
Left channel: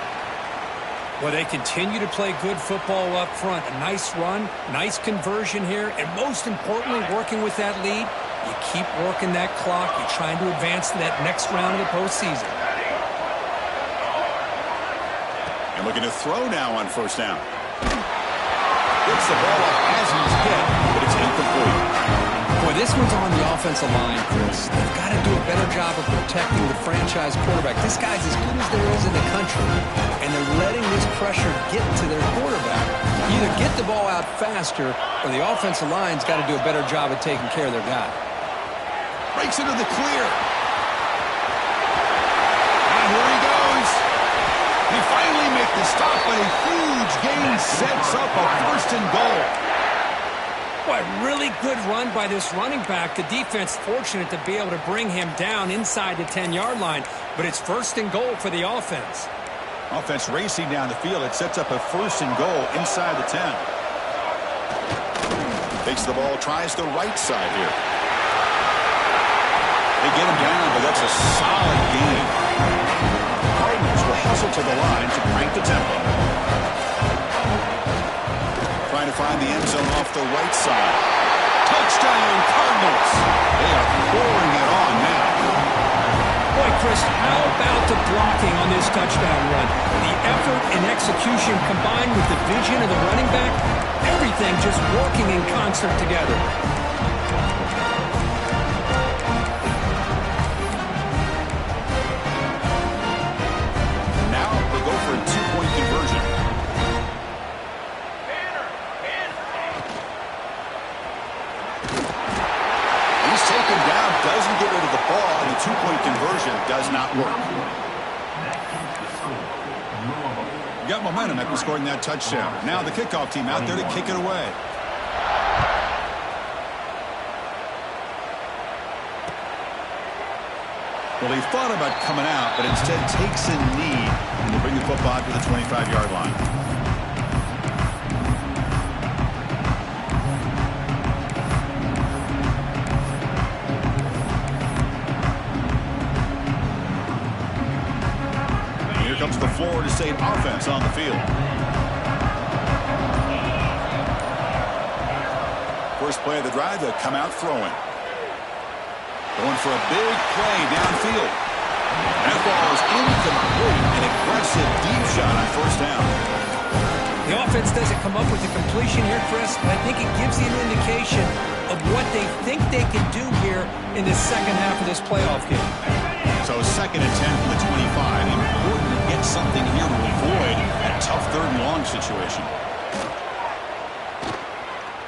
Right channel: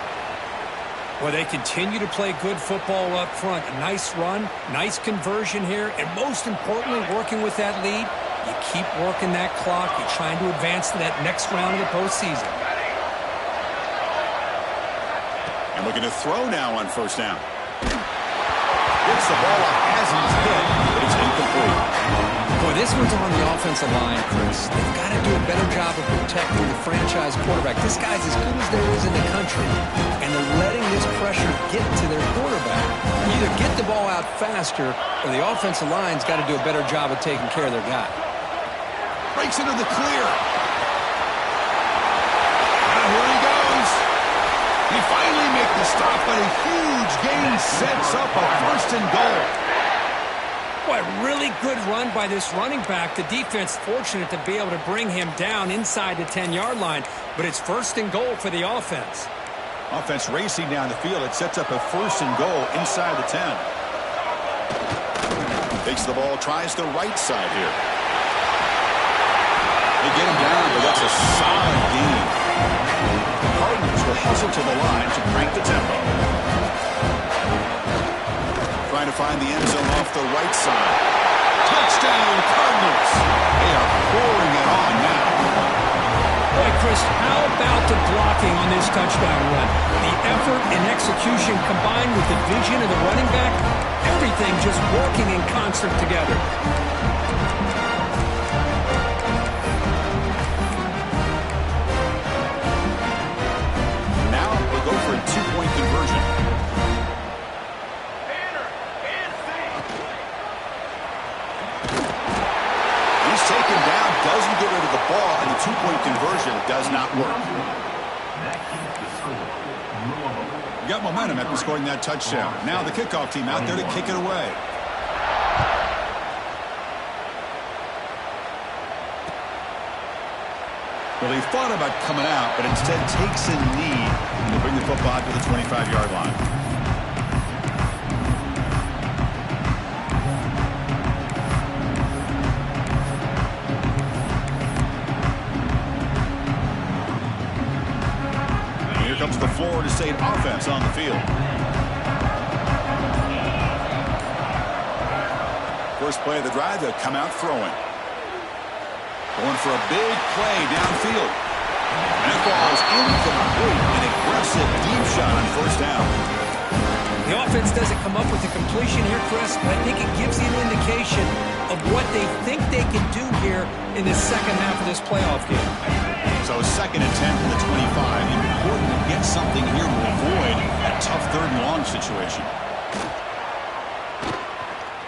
Well, they continue to play good football up front. A nice run, nice conversion here, and most importantly, working with that lead, you keep working that clock. You're trying to advance to that next round of the postseason. And looking to throw now on 1st down. Gets the ball up as he's hit, but it's incomplete. Boy, this one's on the offensive line, Chris. They've got to do a better job of protecting the franchise quarterback. This guy's as good as there is in the country, and they're letting this pressure get to their quarterback. You either get the ball out faster, or the offensive line's got to do a better job of taking care of their guy. Breaks into the clear. Now here he goes. He finally makes the stop, but a huge gain sets up a 1st and goal. Boy, really good run by this running back. The defense fortunate to be able to bring him down inside the 10-yard line, but it's 1st and goal for the offense. Offense racing down the field. It sets up a 1st and goal inside the 10. Takes the ball, tries the right side here. They get him down, but that's a solid gain. Cardinals will hustle to the line to crank the tempo. Trying to find the end zone off the right side. Touchdown, Cardinals. They are pouring it on now. Boy, Chris, how about the blocking on this touchdown run? The effort and execution combined with the vision of the running back, everything just working in concert together. Now we'll go for a 2-point conversion. He's taken down, doesn't get rid of the ball, and the 2-point conversion does not work. That keeps the score. Louisville Got momentum after scoring that touchdown. Now the kickoff team out there to kick it away. Well, he thought about coming out, but instead takes a knee and to bring the football to the 25-yard line. Here comes the Florida State offense on the field. First play of the drive, they'll come out throwing. Going for a big play downfield. That ball is incomplete. An aggressive deep shot on first down. The offense doesn't come up with the completion here, Chris, but I think it gives you an indication of what they think they can do here in the second half of this playoff game. So 2nd and 10 from the 25. Important to get something here to avoid that tough 3rd and long situation.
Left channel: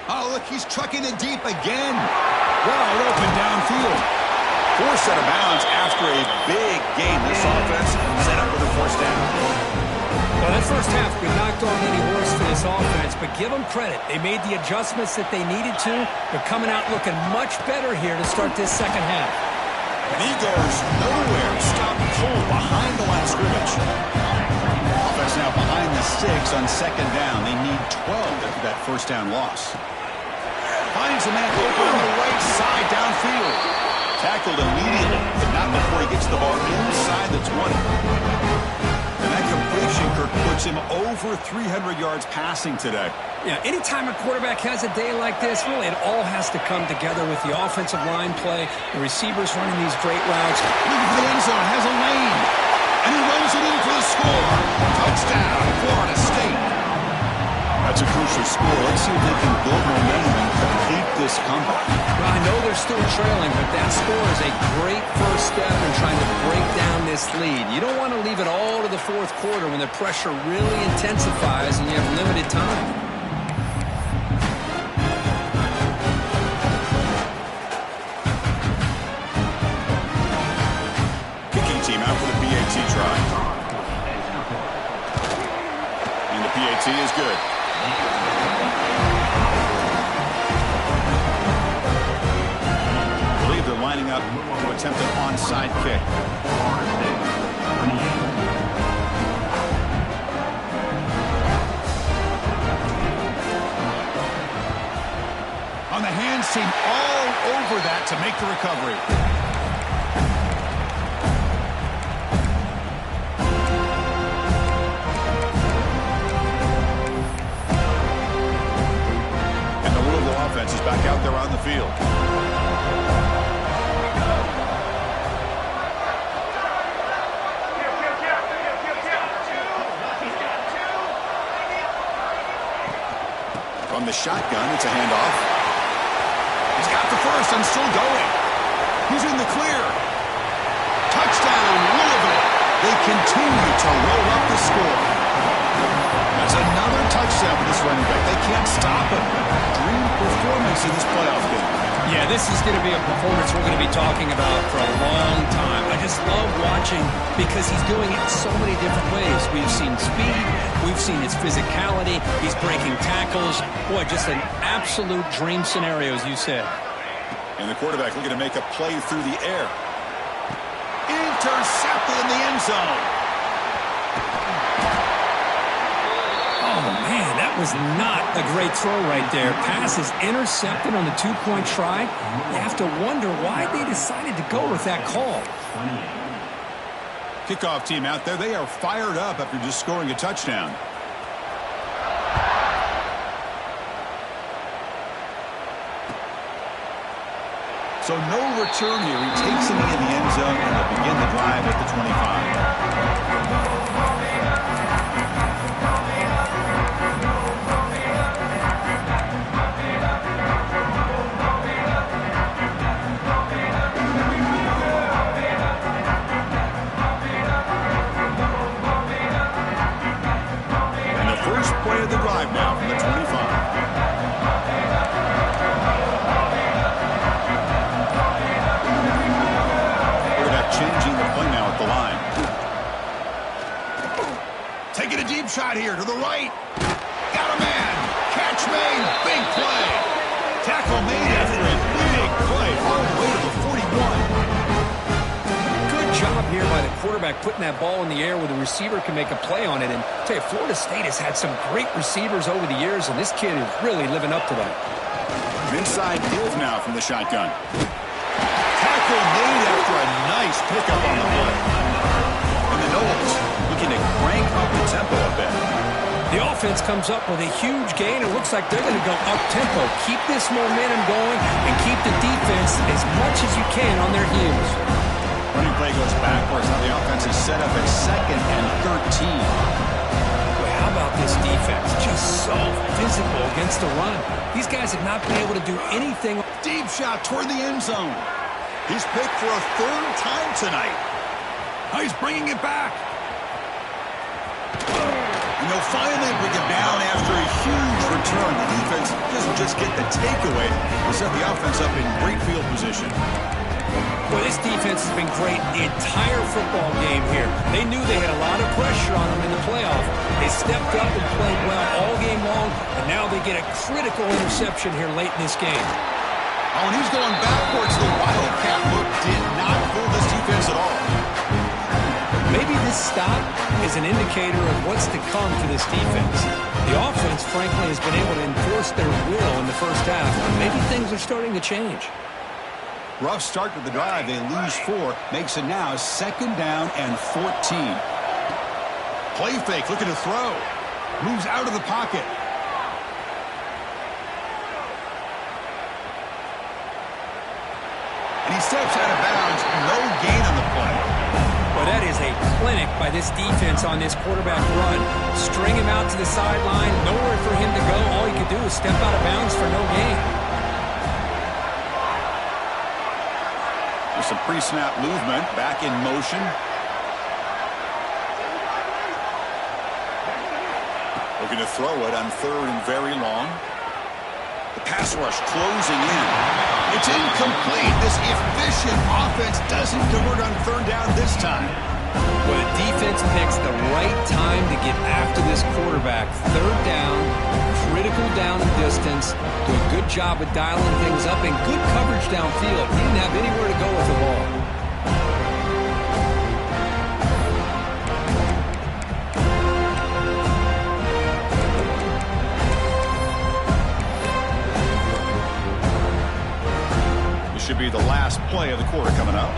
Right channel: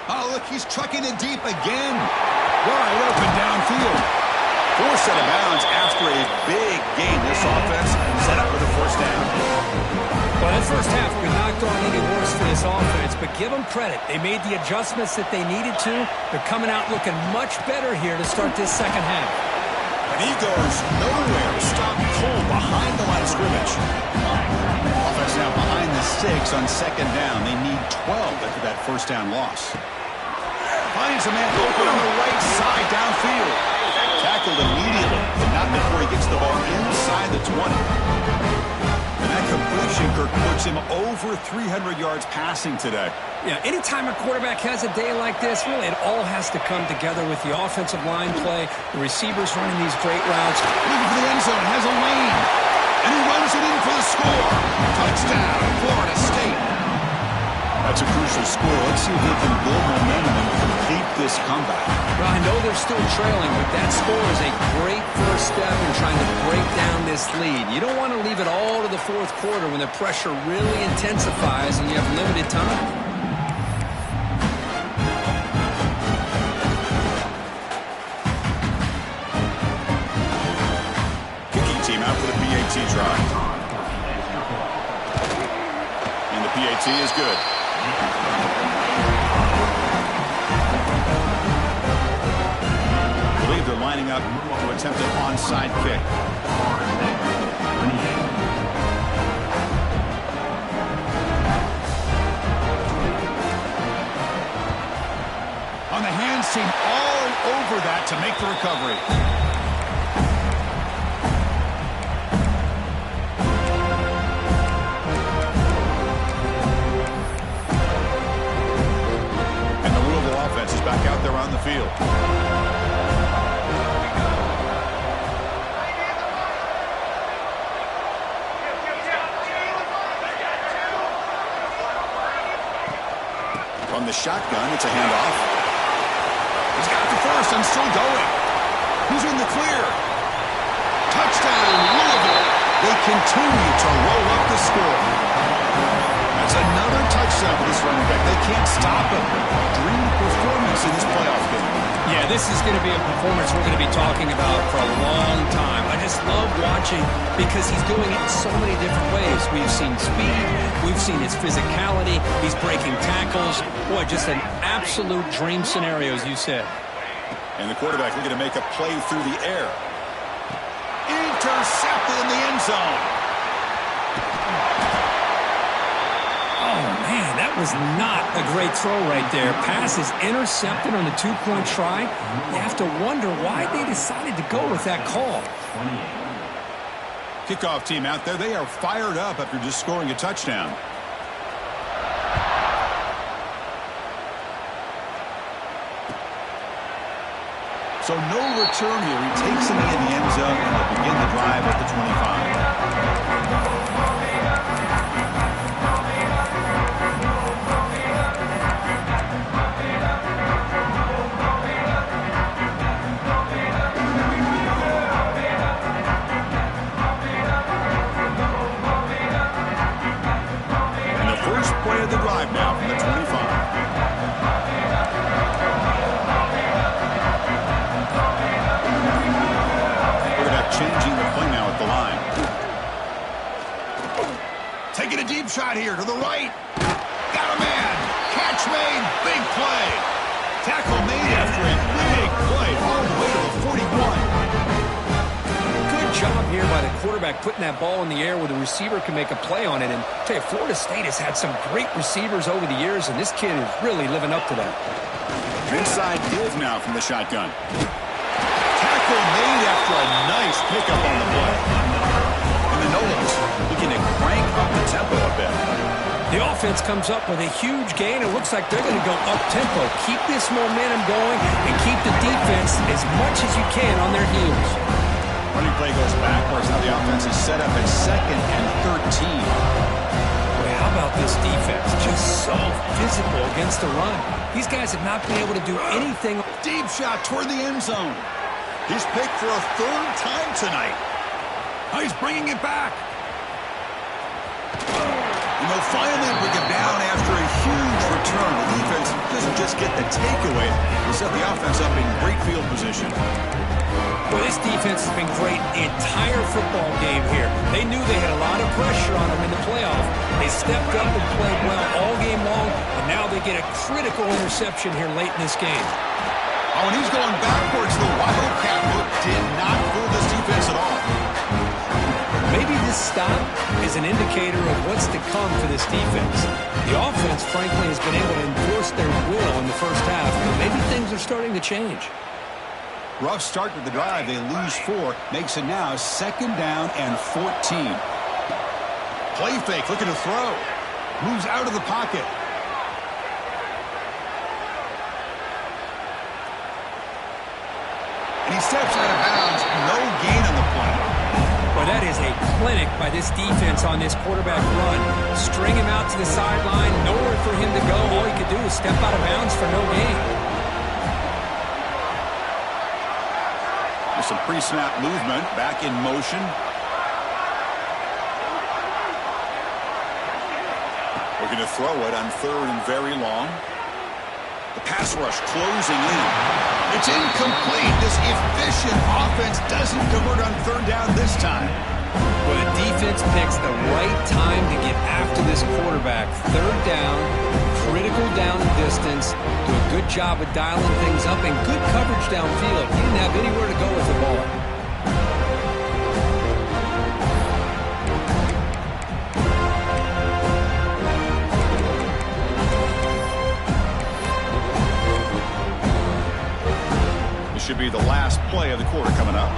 Oh, look, he's trucking it deep again. Wide open downfield. Forced out of bounds after a big gain. This offense set up with a first down. Well, that first half could knock on any horse for this offense, but give them credit. They made the adjustments that they needed to. They're coming out looking much better here to start this second half. And he goes nowhere. Stop cold behind the line of scrimmage. Offense now behind the 6 on 2nd down. They need 12 after that first down loss. Finds a man open on the right side downfield. Tackled immediately, but not before he gets the ball inside the 20. And that completion, Kirk, puts him over 300 yards passing today. Yeah, anytime a quarterback has a day like this, really it all has to come together with the offensive line play, the receivers running these great routes. Looking for the end zone, has a lane, and he runs it in for the score. Touchdown, Florida State. That's a crucial score. Let's see if they can build momentum and complete this comeback. Well, I know they're still trailing, but that score is a great first step in trying to break down this lead. You don't want to leave it all to the 4th quarter when the pressure really intensifies and you have limited time. Team out for the PAT try. And the PAT is good. I believe they're lining up to attempt an onside kick. On the hands team all over that to make the recovery. Offense is back out there on the field. From the shotgun, it's a handoff. He's got the first and still going. He's in the clear. Touchdown, Louisville. They continue to roll up the score. That's another touchdown for this running back. They can't stop him. Dream performance in this playoff game. Yeah, this is going to be a performance we're going to be talking about for a long time. I just love watching because he's doing it in so many different ways. We've seen speed. We've seen his physicality. He's breaking tackles. Boy, just an absolute dream scenario, as you said. And the quarterback looking to make a play through the air. Intercepted in the end zone. Oh, man, that was not a great throw right there. Pass is intercepted on the 2-point try. You have to wonder why they decided to go with that call. Kickoff team out there, they are fired up after just scoring a touchdown. So no return here. He takes him in the end zone, and they'll begin the drive at the 25. Play of the drive now from the 25. Quarterback changing the play now at the line. Deep shot here to the right. Got a man. Catch made. Big play. Tackle made after a big play all the way to the 41. Good job here by the quarterback putting that ball in the air where the receiver can make a play on it. And I'll tell you, Florida State has had some great receivers over the years, and this kid is really living up to that. Inside deals now from the shotgun. Tackle made after a nice pickup on the play. And the Noles looking to crank up the tempo a bit. The offense comes up with a huge gain. It looks like they're going to go up-tempo. Keep this momentum going and keep the defense as much as you can on their heels. Running play goes backwards. Now the offense is set up at 2nd and 13. Boy, how about this defense? Just so physical against the run. These guys have not been able to do anything. Deep shot toward the end zone. He's picked for a 3rd time tonight. Oh, he's bringing it back. And they'll finally bring him down after a huge return. The defense doesn't just get the takeaway. They set the offense up in great field position. Well, this defense has been great the entire football game here. They knew they had a lot of pressure on them in the playoff. They stepped up and played well all game long, and now they get a critical interception here late in this game. Oh, and he's going backwards. The Wildcat look did not fool this defense at all. Maybe this stop is an indicator of what's to come for this defense. The offense, frankly, has been able to enforce their will in the first half, but maybe things are starting to change. Rough start to the drive. They lose 4. Makes it now 2nd down and 14. Play fake, looking to throw. Moves out of the pocket. And he steps out of bounds. No gain on the play. Well, that is a clinic by this defense on this quarterback run. String him out to the sideline. Nowhere for him to go. All he could do is step out of bounds for no gain. With some pre-snap movement, back in motion. Looking to throw it on 3rd and very long. The pass rush closing in. It's incomplete. This efficient offense doesn't convert on 3rd down this time. Well, the defense picks the right time to get after this quarterback. 3rd down, critical down and distance. Do a good job of dialing things up and good coverage downfield. He didn't have anywhere to go with the ball. This should be the last play of the quarter coming up.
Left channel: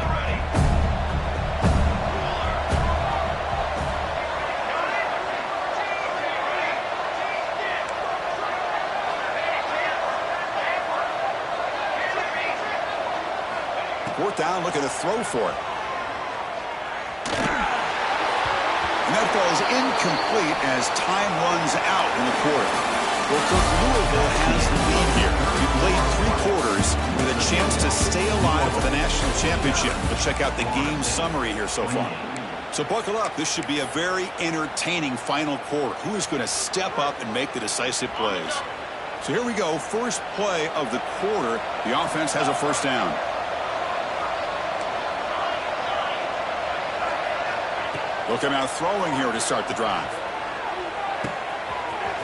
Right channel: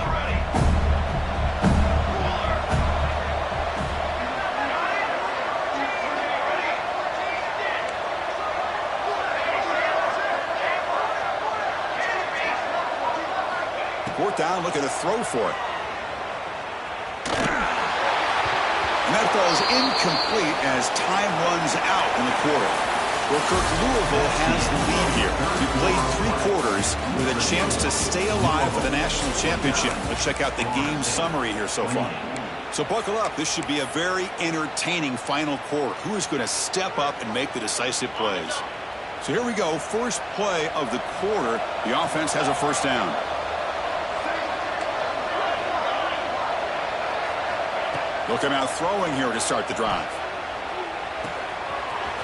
4th down, looking to throw for it. And that falls incomplete as time runs out in the quarter. Well, Kirk, Louisville has the lead here. We played 3 quarters with a chance to stay alive for the national championship. Let's check out the game summary here so far. So buckle up. This should be a very entertaining final quarter. Who is going to step up and make the decisive plays? So here we go. First play of the quarter. The offense has a 1st down. They'll come out throwing here to start the drive.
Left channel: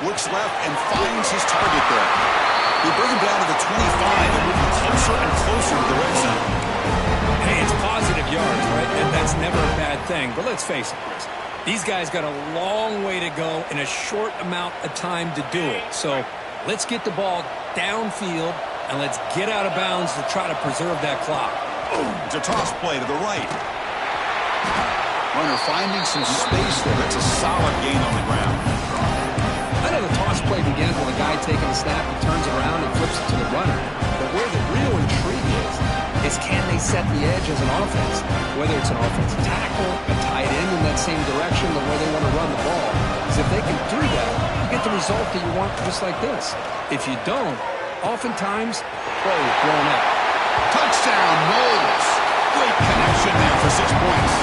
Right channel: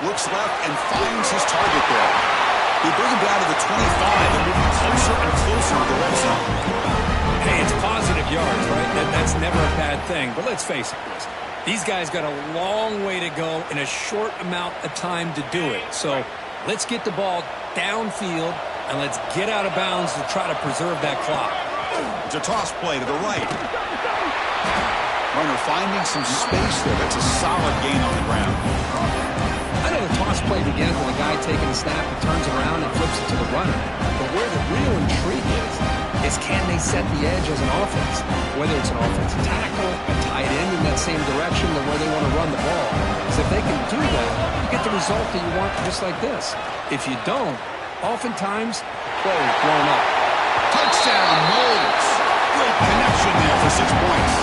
Looks left and finds his target there. They bring him down to the 25 and move him closer and closer to the red zone. Hey, it's positive yards, right? That's never a bad thing. But let's face it, Chris. These guys got a long way to go in a short amount of time to do it. So let's get the ball downfield and let's get out of bounds to try to preserve that clock. It's a toss play to the right. Runner finding some space there. That's a solid gain on the ground. I know the toss play begins with a guy taking the snap and turns around and flips it to the runner. But where the real intrigue is can they set the edge as an offense? Whether it's an offensive tackle, a tight end in that same direction, or where they want to run the ball. Because if they can do that, you get the result that you want just like this. If you don't, oftentimes, play is blown up. Touchdown, Noles. Great connection there for 6 points.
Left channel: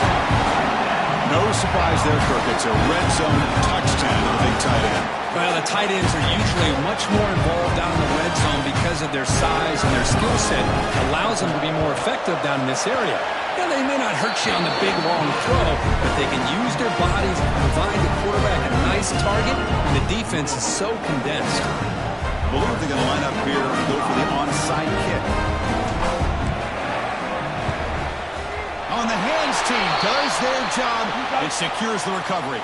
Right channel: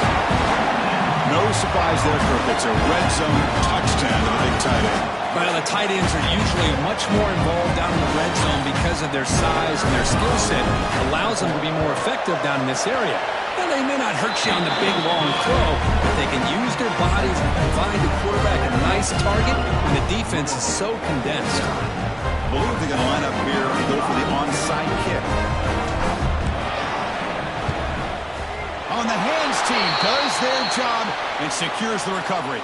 No surprise there, Kirk. It's a red zone touchdown to the big tight end. Well, the tight ends are usually much more involved down in the red zone because of their size and their skill set. Allows them to be more effective down in this area. Now, they may not hurt you on the big, long throw, but they can use their bodies and provide the quarterback a nice target when the defense is so condensed. I believe they're going to line up here and go for the onside kick. On the hands team does their job and secures the recovery.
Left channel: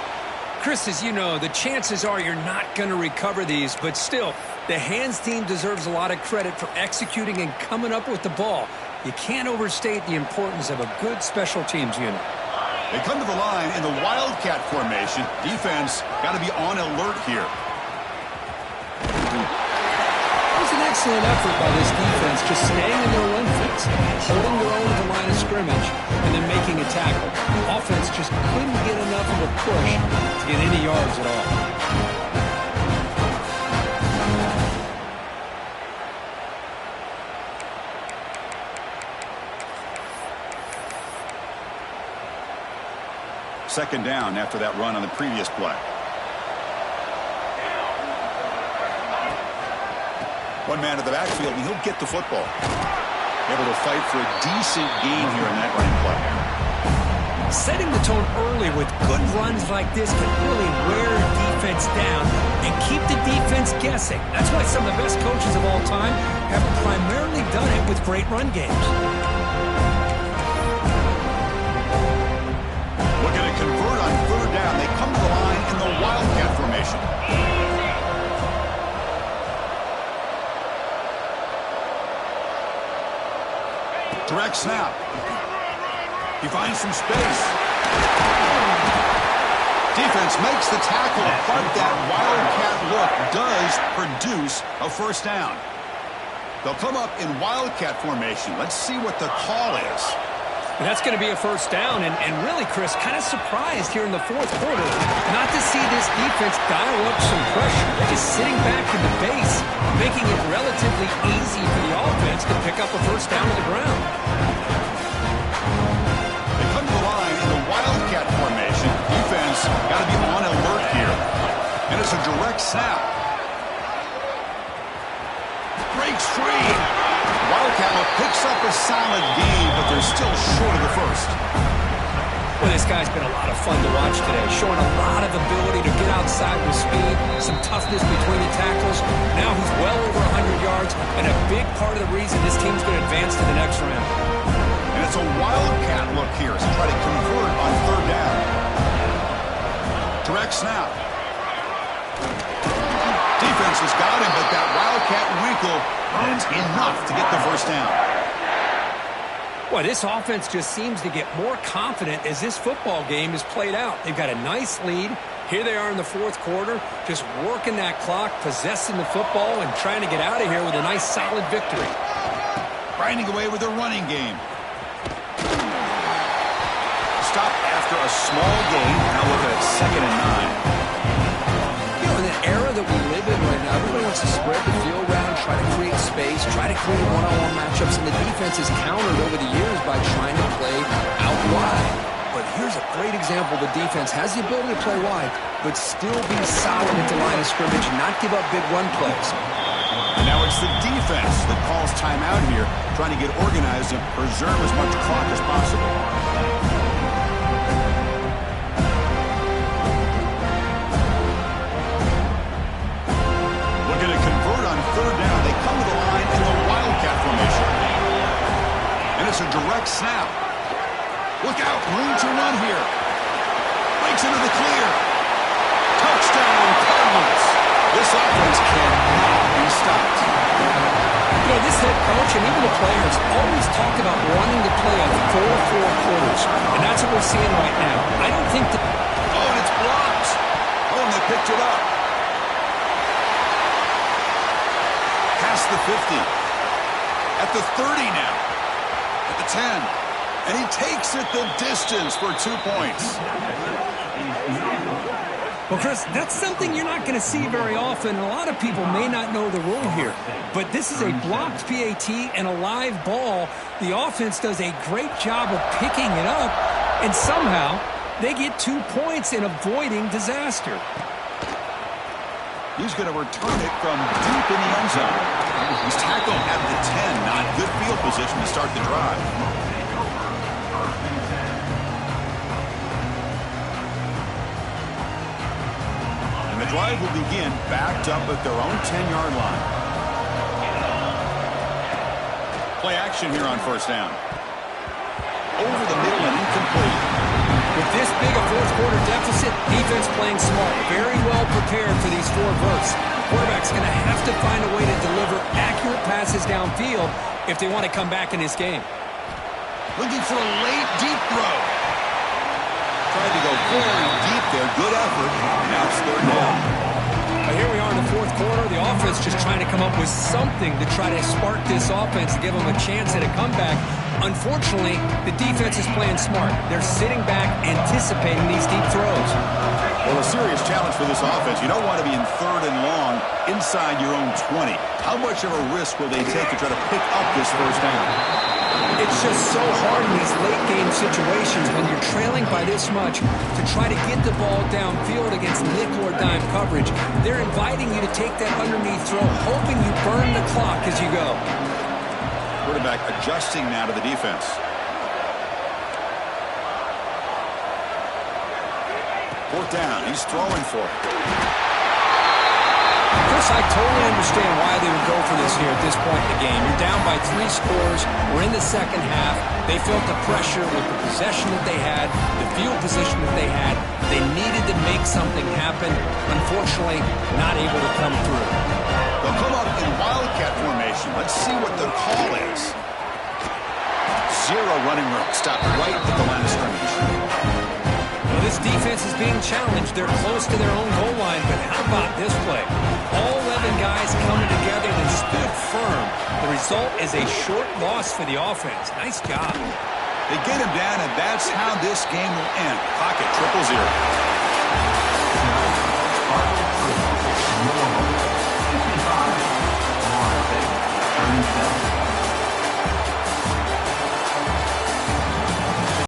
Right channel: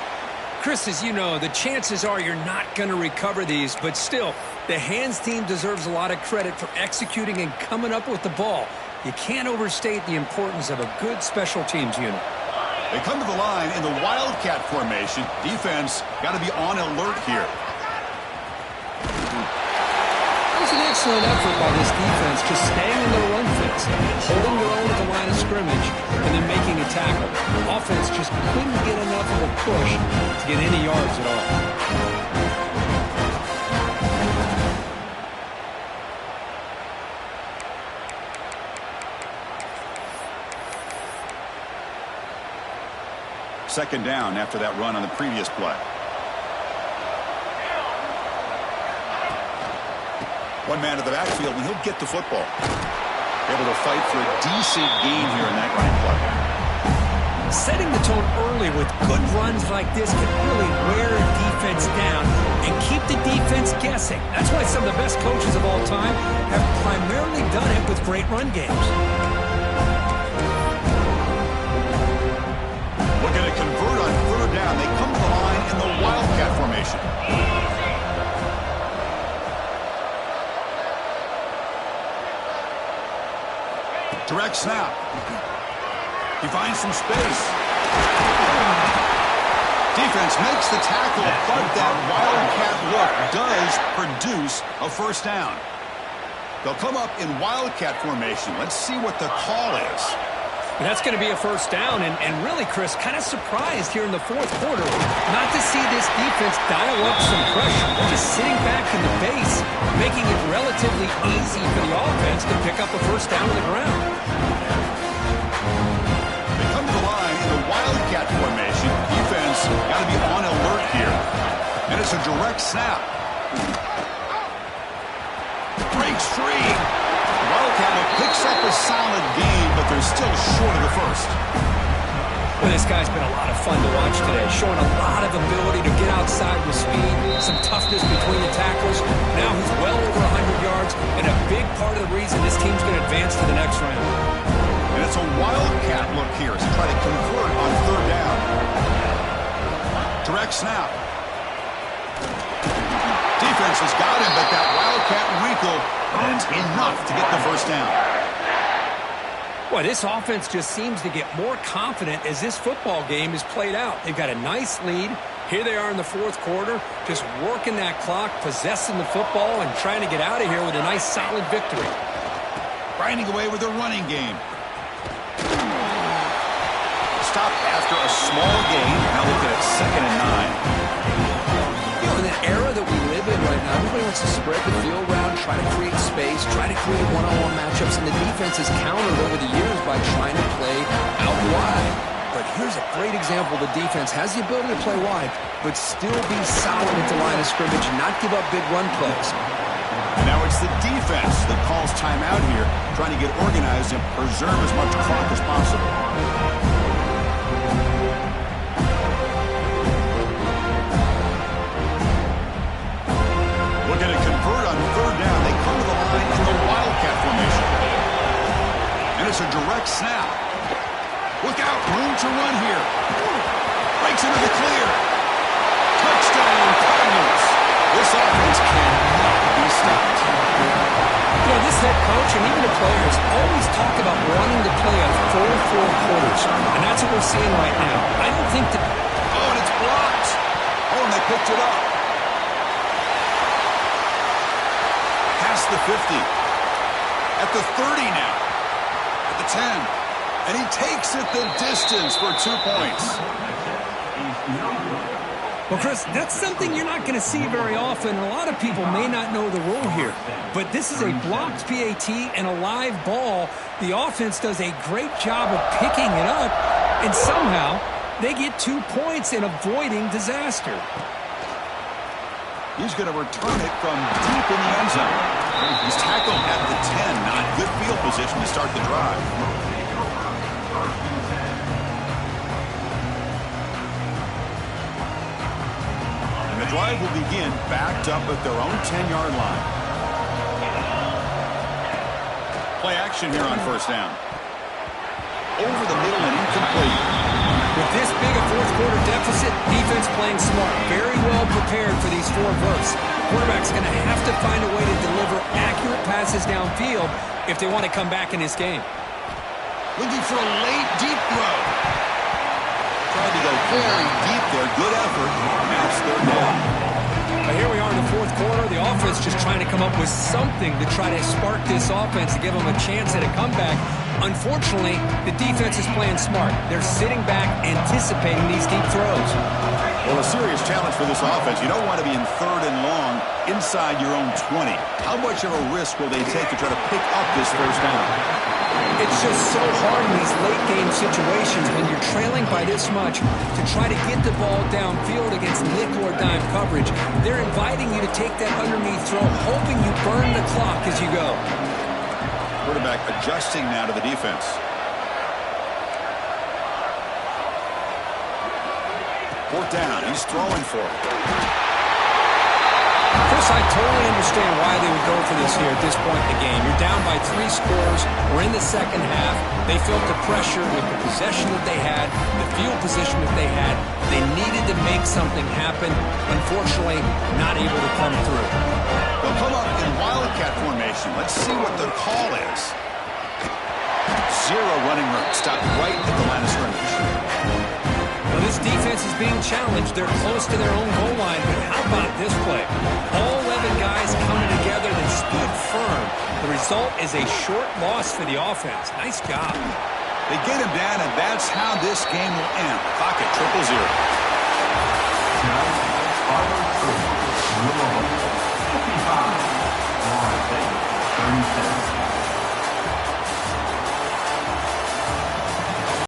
Chris, as you know, the chances are you're not going to recover these, but still, the hands team deserves a lot of credit for executing and coming up with the ball. You can't overstate the importance of a good special teams unit. They come to the line in the Wildcat formation. Defense got to be on alert here. That was an excellent effort by this defense, just staying in their run fits, holding their own at the line of scrimmage, and then making a tackle. Offense just couldn't get enough of a push to get any yards at all. Second down after that run on the previous play. One man to the backfield, and he'll get the football. Able to fight for a decent gain here in that running play. Setting the tone early with good runs like this can really wear a defense down and keep the defense guessing. That's why some of the best coaches of all time have primarily done it with great run games. Looking to convert on third down. They come to the line in the Wildcat formation. Direct snap. He finds some space. Defense makes the tackle, but that Wildcat look does produce a first down. They'll come up in Wildcat formation. Let's see what the call is. That's going to be a first down, and really, Chris, kind of surprised here in the fourth quarter not to see this defense dial up some pressure. They're just sitting back in the base, making it relatively easy for the offense to pick up a first down on the ground. They come to the line in the Wildcat formation. Defense got to be on alert here. And it's a direct snap. Breaks free. Wildcat look picks up a solid gain, but they're still short of the first. Well, this guy's been a lot of fun to watch today, showing a lot of ability to get outside with speed, some toughness between the tackles. Now he's well over 100 yards, and a big part of the reason this team's going to advance to the next round. And it's a Wildcat look here as they try to convert on third down. Direct snap. Defense has got him, but that Wildcat wrinkle earns enough to get the first down. Boy, this offense just seems to get more confident as this football game is played out. They've got a nice lead. Here they are in the fourth quarter, just working that clock, possessing the football, and trying to get out of here with a nice, solid victory. Grinding away with their running game. Stopped after a small gain. Now looking at 2nd and 9. In the era that we live in right now, everybody wants to spread the field around, try to create space, try to create one-on-one matchups, and the defense has countered over the years by trying to play out wide. But here's a great example. The defense has the ability to play wide, but still be solid at the line of scrimmage and not give up big run plays. And now it's the defense that calls timeout here, trying to get organized and preserve as much clock as possible. Looking to convert on third down. They come to the line in the Wildcat formation. And it's a direct snap. Look out, room to run here. Breaks into the clear. Touchdown, Cardinals. This offense cannot be stopped. You know, this head coach and even the players always talk about wanting to play a full 4 quarters. And that's what we're seeing right now. I don't think that... Oh, and it's blocked. Oh, and they picked it up. Past the 50. At the 30 now. At the 10. And he takes it the distance for 2 points. Well, Chris, that's something you're not going to see very often. A lot of people may not know the rule here. But this is a blocked PAT and a live ball. The offense does a great job of picking it up. And somehow, they get 2 points in avoiding disaster. He's going to return it from deep in the end zone. He's tackled at the 10. Not good field position to start the drive. And the drive will begin backed up at their own 10-yard line. Play action here on first down. Over the middle and incomplete. With this big a fourth-quarter deficit, defense playing smart, very well prepared for these 4 verts. The quarterback's going to have to find a way to deliver accurate passes downfield if they want to come back in this game. Looking for a late, deep throw. Tried to go very deep there. Good effort. Now it's third down. Here we are in the fourth quarter. The offense just trying to come up with something to try to spark this offense to give them a chance at a comeback. Unfortunately, the defense is playing smart. They're sitting back, anticipating these deep throws. Well, a serious challenge for this offense. You don't want to be in third and long inside your own 20. How much of a risk will they take to try to pick up this first down? It's just so hard in these late-game situations when you're trailing by this much to try to get the ball downfield against nickel or dime coverage. They're inviting you to take that underneath throw, hoping you burn the clock as you go. Quarterback adjusting now to the defense. Fourth down. He's throwing for it. Chris, I totally understand why they would go for this here at this point in the game. You're down by 3 scores. We're in the second half. They felt the pressure with the possession that they had, the field position that they had. They needed to make something happen. Unfortunately, not able to come through. They'll come up in wildcat formation. Let's see what the call is. 0 running room. Stop right at the line of scrimmage. Well, this defense is being challenged. They're close to their own goal line, but how about this play? All 11 guys coming together. They stood firm. The result is a short loss for the offense. Nice job. They get him down, and that's how this game will end. Clock at 0-0.